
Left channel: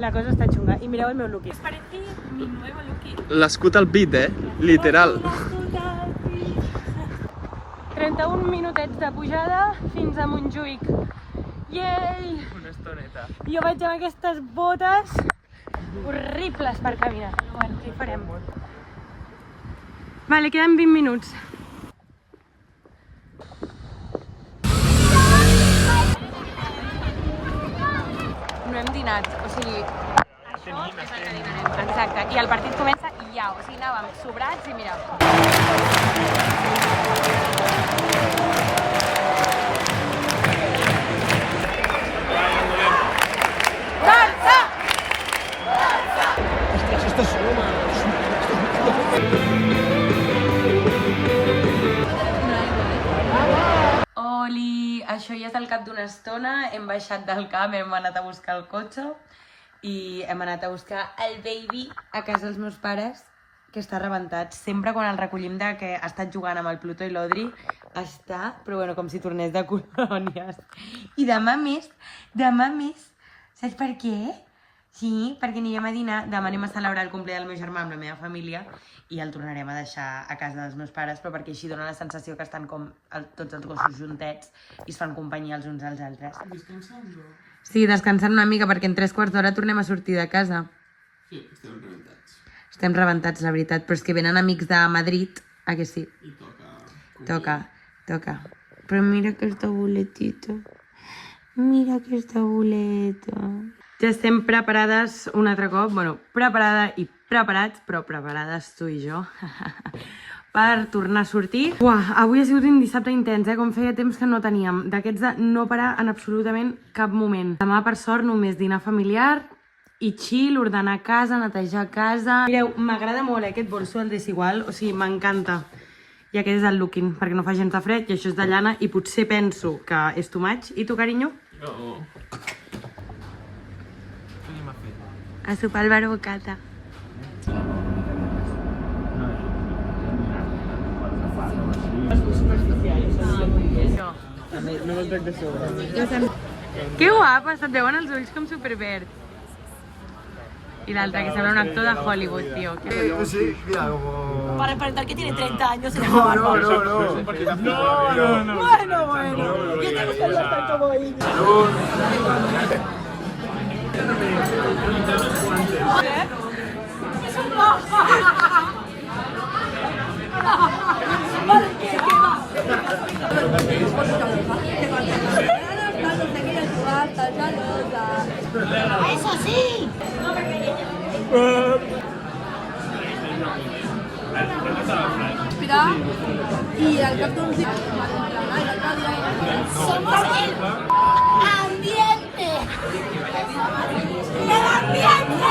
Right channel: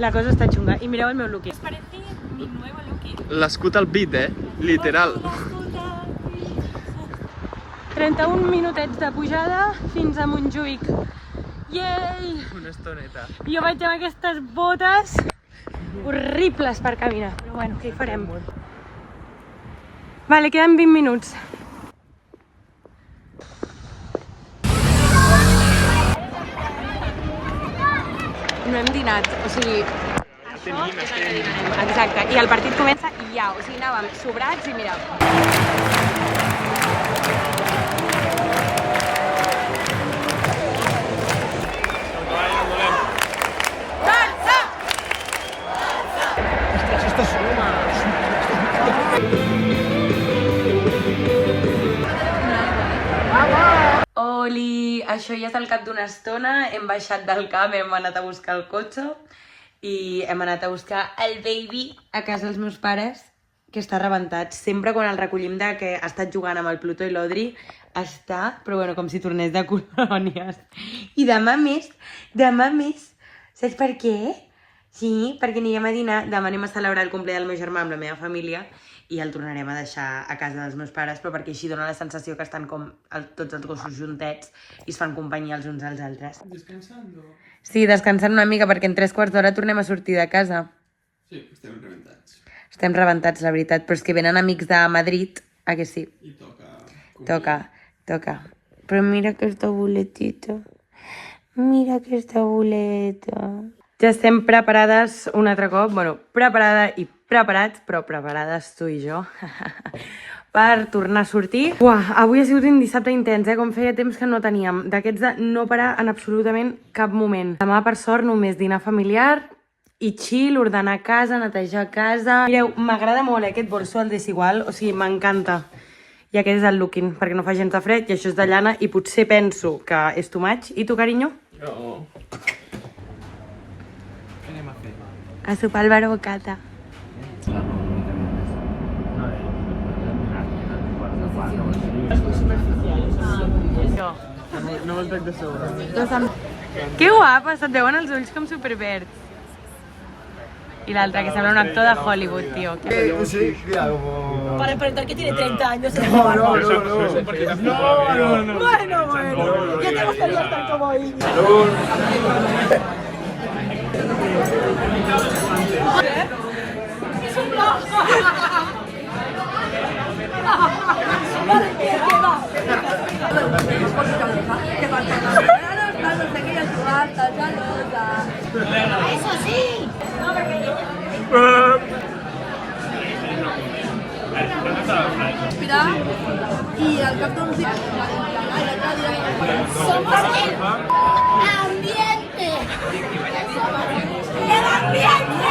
la cosa està xunga. I mireu el meu lookie. Parece mi nuevo lookie. L'escut al pit, literal. 31 minutets de pujada fins a Montjuïc. Yay! Una estoneta. Jo vaig amb aquestes botes horribles per caminar. Però bueno, què hi farem? Vale, queden 20 minuts. No hem dinat, o sigui, això és el que dinarem. Exacte, i el partit comença i ja, o sigui, anàvem sobrats i mira. Barça! Ostres, esta suma! Oli, això ja és al cap d'una estona, hem baixat del camp, hem anat a buscar el cotxe i hem anat a buscar el baby a casa dels meus pares, que està rebentat. Sempre quan el recollim de que ha estat jugant amb el Pluto i l'Odri, està, però bueno, com si tornés de colònies. I demà més, saps per què? Sí, perquè anirem a dinar, demà anem a celebrar el cumple del meu germà amb la meva família i el tornarem a deixar a casa dels meus pares, però perquè així dona la sensació que estan com tots els gossos juntets i es fan companyia els uns als altres. Descansant? Sí, descansant una mica, perquè en 3 quarts d'hora tornem a sortir de casa. Sí, estem rebentats. Estem rebentats, la veritat, però és que venen amics de Madrid, a que sí? I Toca. Però mira aquesta boletita. Mira aquesta boleta. Ja estem preparades un altre cop, bueno, preparada i preparats, però preparades tu i jo, per tornar a sortir. Uah, avui ha sigut un dissabte intens, com feia temps que no teníem. D'aquests de no parar en absolutament cap moment. Demà, per sort, només dinar familiar i chill, ordenar casa, netejar casa... Mireu, m'agrada molt aquest bolso, el Desigual, o sigui, m'encanta. I aquest és el looking, perquè no fa gens de fred, i això és de llana, i potser penso que és too much. I tu, carinyo? No. A sopar al bar bocata. No me'l trec de sobre. Que guapa, se't veuen els ulls com superverds. I l'altre, que sembla un actor de Hollywood, tio. Sí, claro. Para aparentar que tiene 30 años. No. Bueno. Ya te gustaría como ahí. Es un blog. Eso sí. Y al cap d'uns dies somos el ambiente. ¡El ambiente!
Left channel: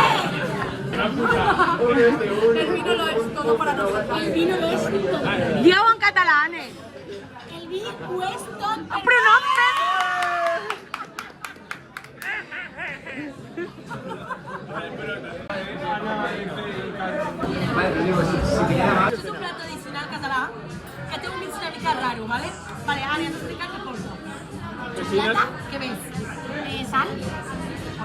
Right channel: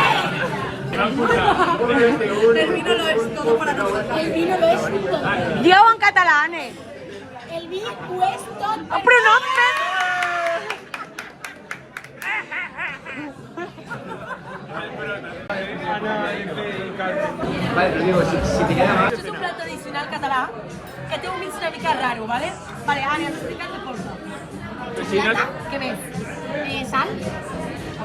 El vino lo es todo para nosotros. El vino lo es todo. Dieu en català, El vino es todo. Però no em fes... Això és un plat tradicional català que té un mix una mica raro, ¿vale? Vale, Ània, has explicat què porta. Xocolata. Què més? Sal.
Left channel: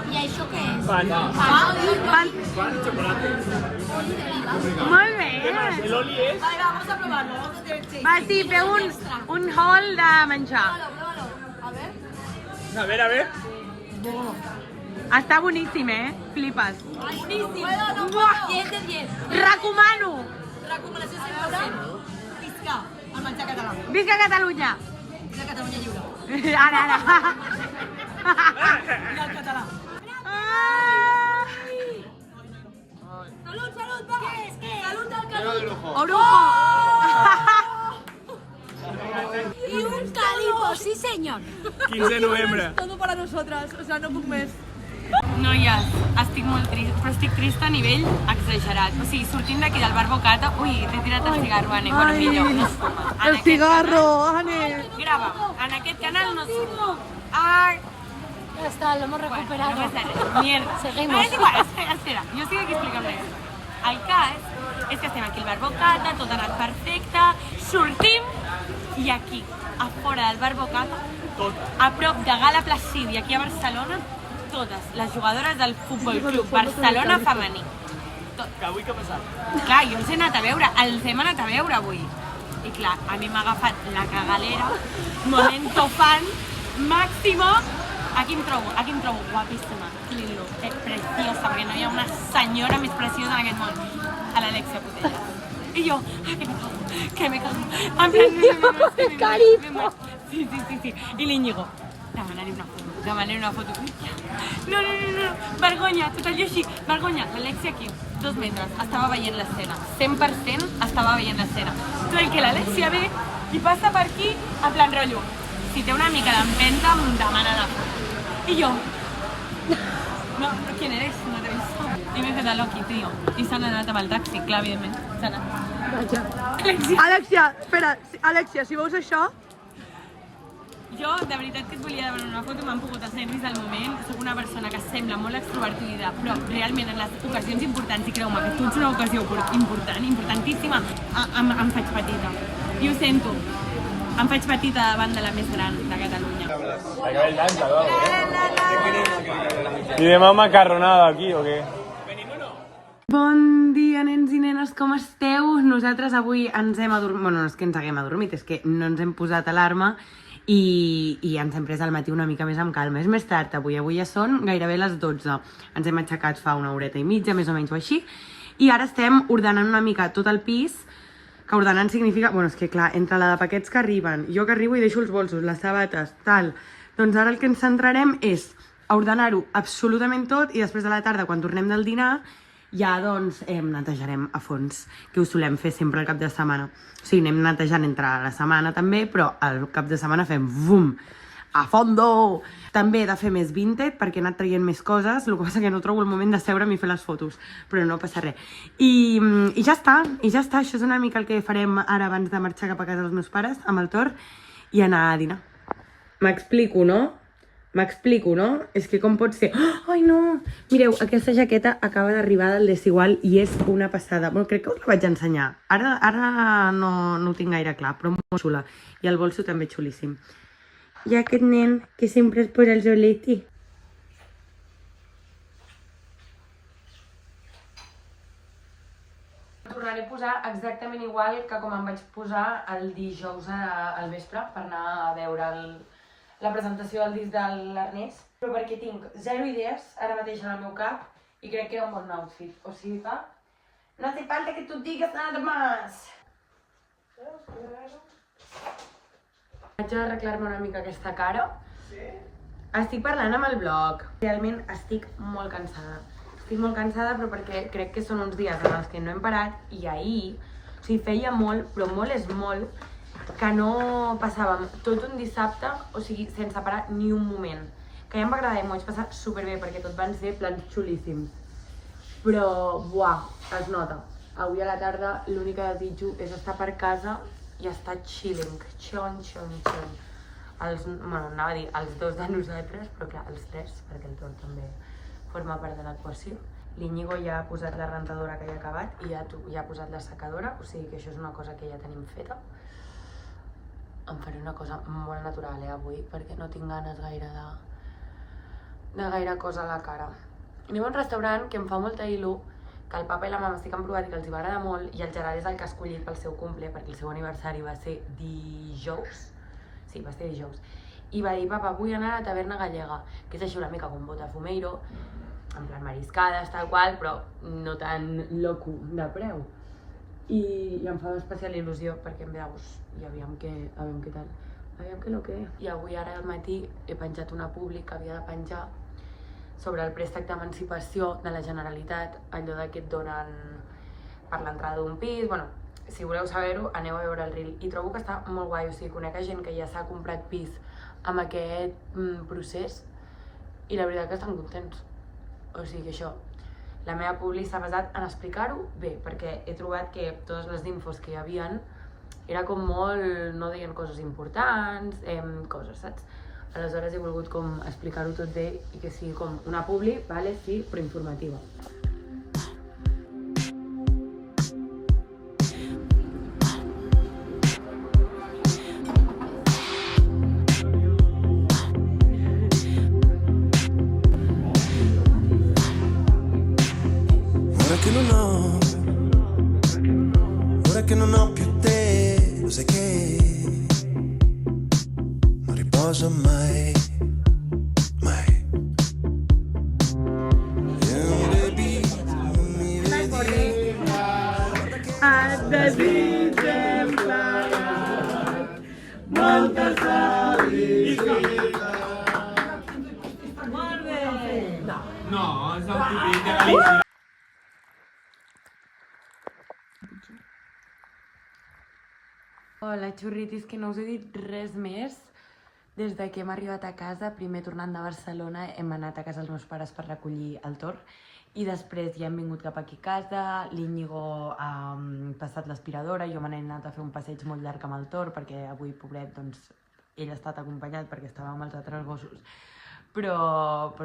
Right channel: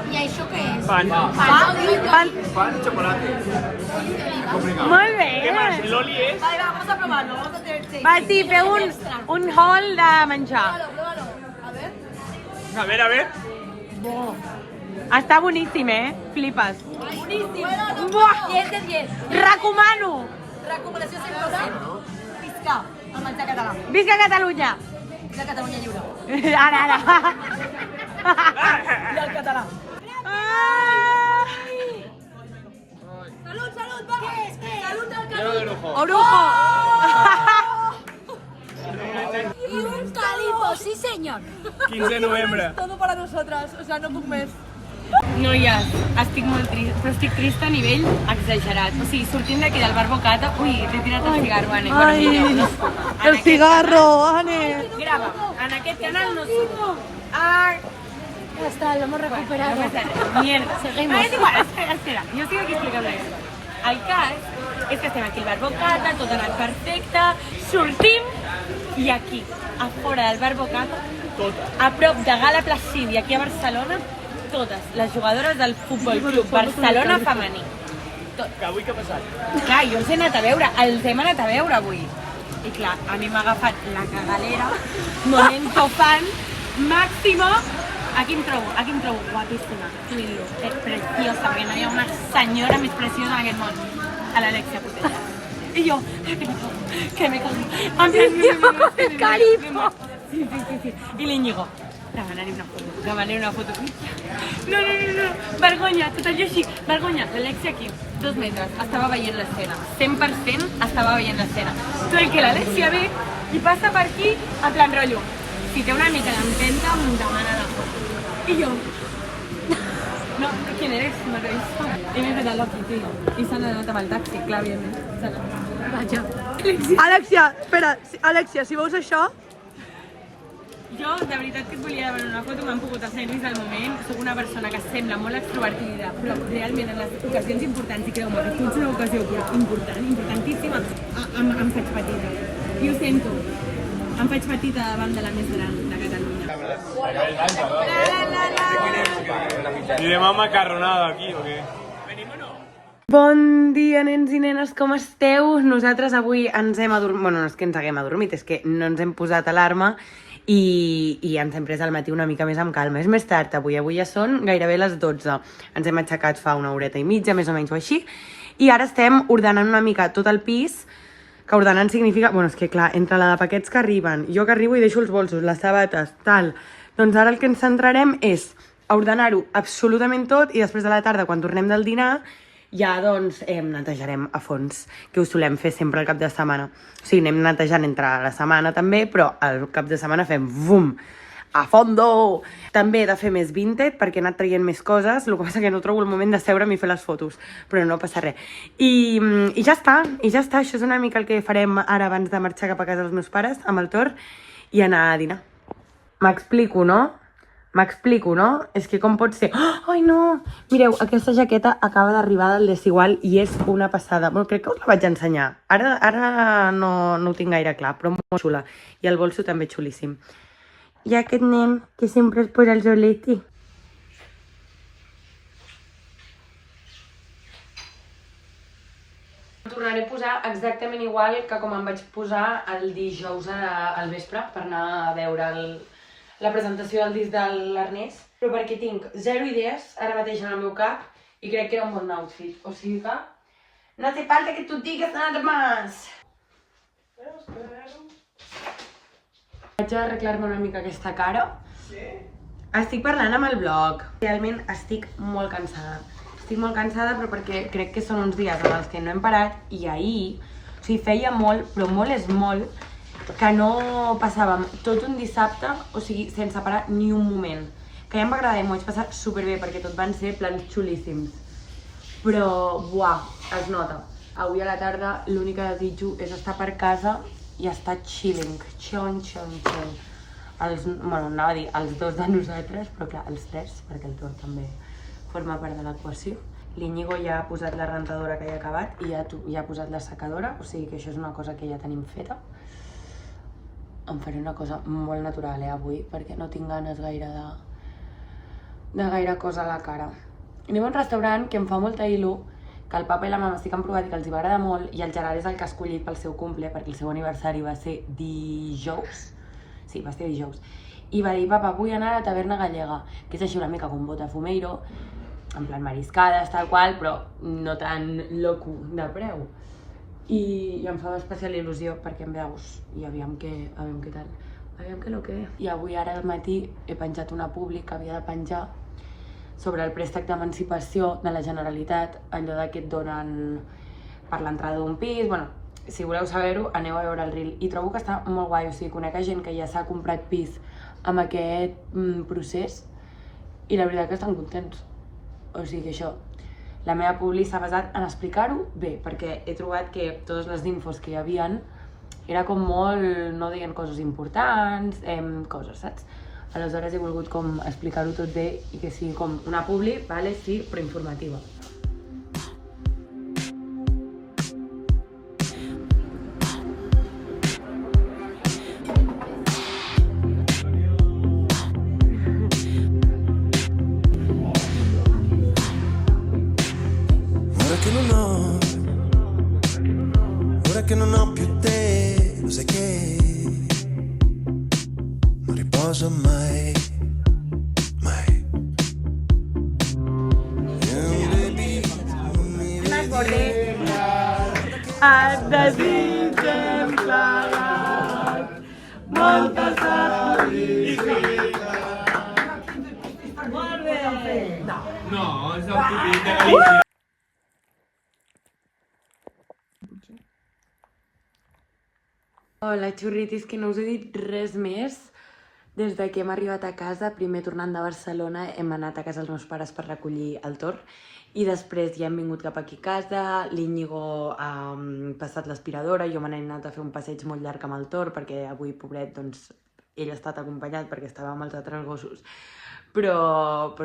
I això què és? Pan. Pan y chocolate. Molt bé. Vale, va, vamos a probarlo. Vamos a hacer... Sí. Va, sí, feu un haul de menjar. Pruébalo. A ver. A ver. Està boníssim, Flipes. Boníssim. Buah. 10 de 10. Recomano. Recomanació 100%. Visca el menjar català. Visca Catalunya. De Catalunya lliure. Ara. I el català. Salud, va. ¿Qué es? Salud al calipo. Orujo. Y un calipo, sí señor. 15 de novembre. Todo para nosotras, o sea, no puc més. Noies, estic molt trista, però estic trista a nivell exagerat. O sigui, sortint d'aquí del bar Bocata... Ui, t'he tirat el cigarro, Anne. El cigarro, Anne. Grava, en aquest canal no surt. Ya está, lo hemos recuperado. Mierda. Seguimos. És igual, espera, jo estic aquí explicant la història. El cas és que estem aquí al bar Bocata, tot ha anat perfecte, sortim i aquí, a fora del bar Bocata, a prop de Gala Placid i aquí a Barcelona, totes les jugadores del Futbol Club Barcelona femení. Que avui què ha passat? Clar, jo els he anat a veure, els hem anat a veure avui. I clar, a mi m'ha agafat la cagalera, momento fan, màximo. Aquí em trobo guapíssima, Lilo, preciosa, perquè no hi ha una senyora més preciosa en aquest món, a l'Alexia Putella. I jo, que me cago. En plan, me caigo. Sí. I l'Iñigo, demanar-li una foto. No, vergonya, tot allò així, vergonya. L'Alexia aquí, 2 metres, estava veient l'escena. 100% estava veient l'escena. Però el que l'Alexia ve i passa per aquí, en plan rotllo. Si té una mica d'empenta, em demana la foto. I jo, no, ¿quién eres? No t'he vist. I m'he fet la Loki, tio. I s'han anat amb el taxi, clar, evidentment. S'han anat. Alexia, espera, Alexia, si veus això... Jo, de veritat que et volia veure una foto, m'han pogut hacer ris al moment. Soc una persona que sembla molt extrovertida, però realment en les ocasions importants, i creu-me que tu ets una ocasió important, importantíssima, em faig petita. I ho sento. Em faig petita davant de la més gran de Catalunya. ¿Anem a macarronada aquí o què? Bon dia, nens i nenes, com esteu? Nosaltres avui ens hem adormit... Bueno, no és que ens haguem adormit, és que no ens hem posat alarma i ens hem pres al matí una mica més amb calma. És més tard avui ja són gairebé les 12. Ens hem aixecat fa una horeta i mitja, més o menys o així, i ara estem ordenant una mica tot el pis, que ordenant significa... Bueno, és que clar, entre la de paquets que arriben, jo que arribo i deixo els bolsos, les sabates, tal... Doncs ara el que ens centrarem és a ordenar-ho absolutament tot i després de la tarda, quan tornem del dinar, ja doncs netejarem a fons, que ho solem fer sempre al cap de setmana. O sigui, anem netejant entre la setmana també, però al cap de setmana fem bum, a fondo! També he de fer més vintage perquè he anat traient més coses, el que passa que no trobo el moment de seure'm i fer les fotos, però no passa res. I ja està, això és una mica el que farem ara abans de marxar cap a casa dels meus pares, amb el Tor, i anar a dinar. M'explico, no? És que com pot ser... Ai, no! Mireu, aquesta jaqueta acaba d'arribar del Desigual i és una passada. Bueno, crec que us la vaig ensenyar. Ara no ho tinc gaire clar, però molt xula. I el bolso també xulíssim. I aquest nen que sempre es posa el soleti. Tornaré a posar exactament igual que com em vaig posar el dijous al vespre per anar a veure la presentació del disc de l'Ernest, però perquè tinc 0 idees ara mateix en el meu cap i crec que era un bon outfit. O sigui que no hace falta que tu digues nada más. Vaig a arreglar-me una mica aquesta cara. Estic parlant amb el blog. Realment estic molt cansada. Estic molt cansada però perquè crec que són uns dies en els que no hem parat i ahir, o sigui, feia molt, però molt és molt, que no passàvem tot un dissabte, o sigui, sense parar ni un moment. Que ja em va agradar i m'ho vaig passar superbé perquè tot van ser plans xulíssims. Però, buah, es nota. Avui a la tarda l'únic que desitjo és estar per casa i estar chilling. Bueno, anava a dir els dos de nosaltres, però clar, els tres, perquè el Tor també forma part de l'equació. L'Iñigo ja ha posat la rentadora que ja ha acabat i ja ha posat la secadora, o sigui que això és una cosa que ja tenim feta. Em faré una cosa molt natural, avui, perquè no tinc ganes gaire de gaire cosa a la cara. Anem a un restaurant que em fa molta il·lu, que el papa i la mama sí que han provat i que els hi va agradar molt, i el Gerard és el que ha escollit pel seu cumple, perquè el seu aniversari va ser dijous. Sí, va ser dijous. I va dir, papa, vull anar a la taverna gallega, que és així una mica com Botafumeiro, en plan mariscades, tal qual, però no tan loco de preu. I em fa especial il·lusió perquè em veus i aviam què tal. Aviam què lo que... I avui ara al matí he penjat una publi que havia de penjar sobre el préstec d'emancipació de la Generalitat, allò que et donen per l'entrada d'un pis. Bueno, si voleu saber-ho, aneu a veure el reel. I trobo que està molt guai, o sigui, conec gent que ja s'ha comprat pis amb aquest procés i la veritat que estan contents. O sigui que això, la meva publi s'ha basat en explicar-ho bé, perquè he trobat que totes les infos que hi havia era com molt... no deien coses importants, coses, saps? Aleshores he volgut com explicar-ho tot bé i que sigui com una publi, vale, sí, però informativa. Ora che non ho più te, lo sai che non riposo mai, mai. Baby, non mi vedi. Et desitgem plegat molta felicitat. Molt bé! No, és el típic de Galícia. Hola, xurritis, que no us he dit res més des de que hem arribat a casa. Primer, tornant de Barcelona, hem anat a casa dels meus pares per recollir el Tor i després ja hem vingut cap aquí a casa. L'Iñigo ha passat l'aspiradora, jo me n'he anat a fer un passeig molt llarg amb el Tor perquè avui, pobret, doncs, ell ha estat acompanyat perquè estava amb els altres gossos, però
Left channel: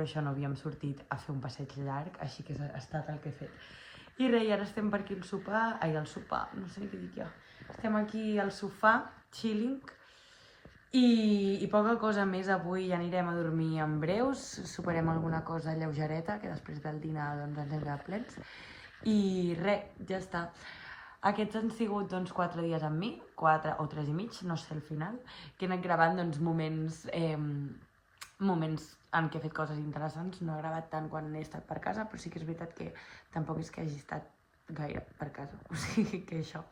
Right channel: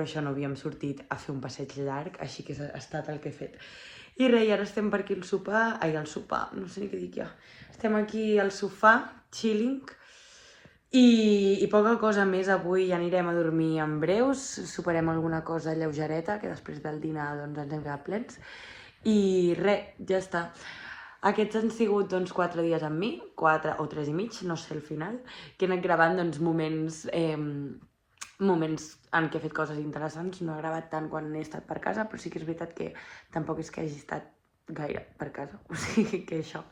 això no havíem sortit a fer un passeig llarg, així que ha estat el que he fet. I res, ara estem per aquí al sopar, no sé ni què dic ja. Estem aquí al sofà, chilling, i poca cosa més avui. Ja anirem a dormir en breus, soparem alguna cosa lleugereta, que després del dinar doncs, ens hem quedat plens. I res, ja està. Aquests han sigut 4 dies amb mi, 4 o 3 i mig, no sé al final, que he anat gravant moments en què he fet coses interessants. No he gravat tant quan he estat per casa, però sí que és veritat que tampoc és que hagi estat gaire per casa, o sigui que això.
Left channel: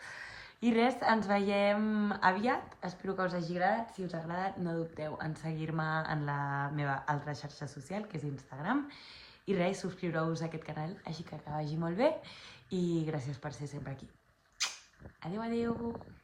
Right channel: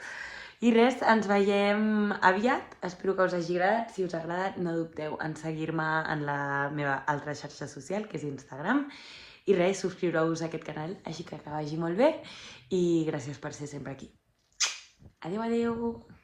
I res, ens veiem aviat, espero que us hagi agradat. Si us ha agradat, no dubteu en seguir-me en la meva altra xarxa social, que és Instagram, I res, subscriureu-vos a aquest canal, així que vagi molt bé i gràcies per ser sempre aquí. Adéu, adéu!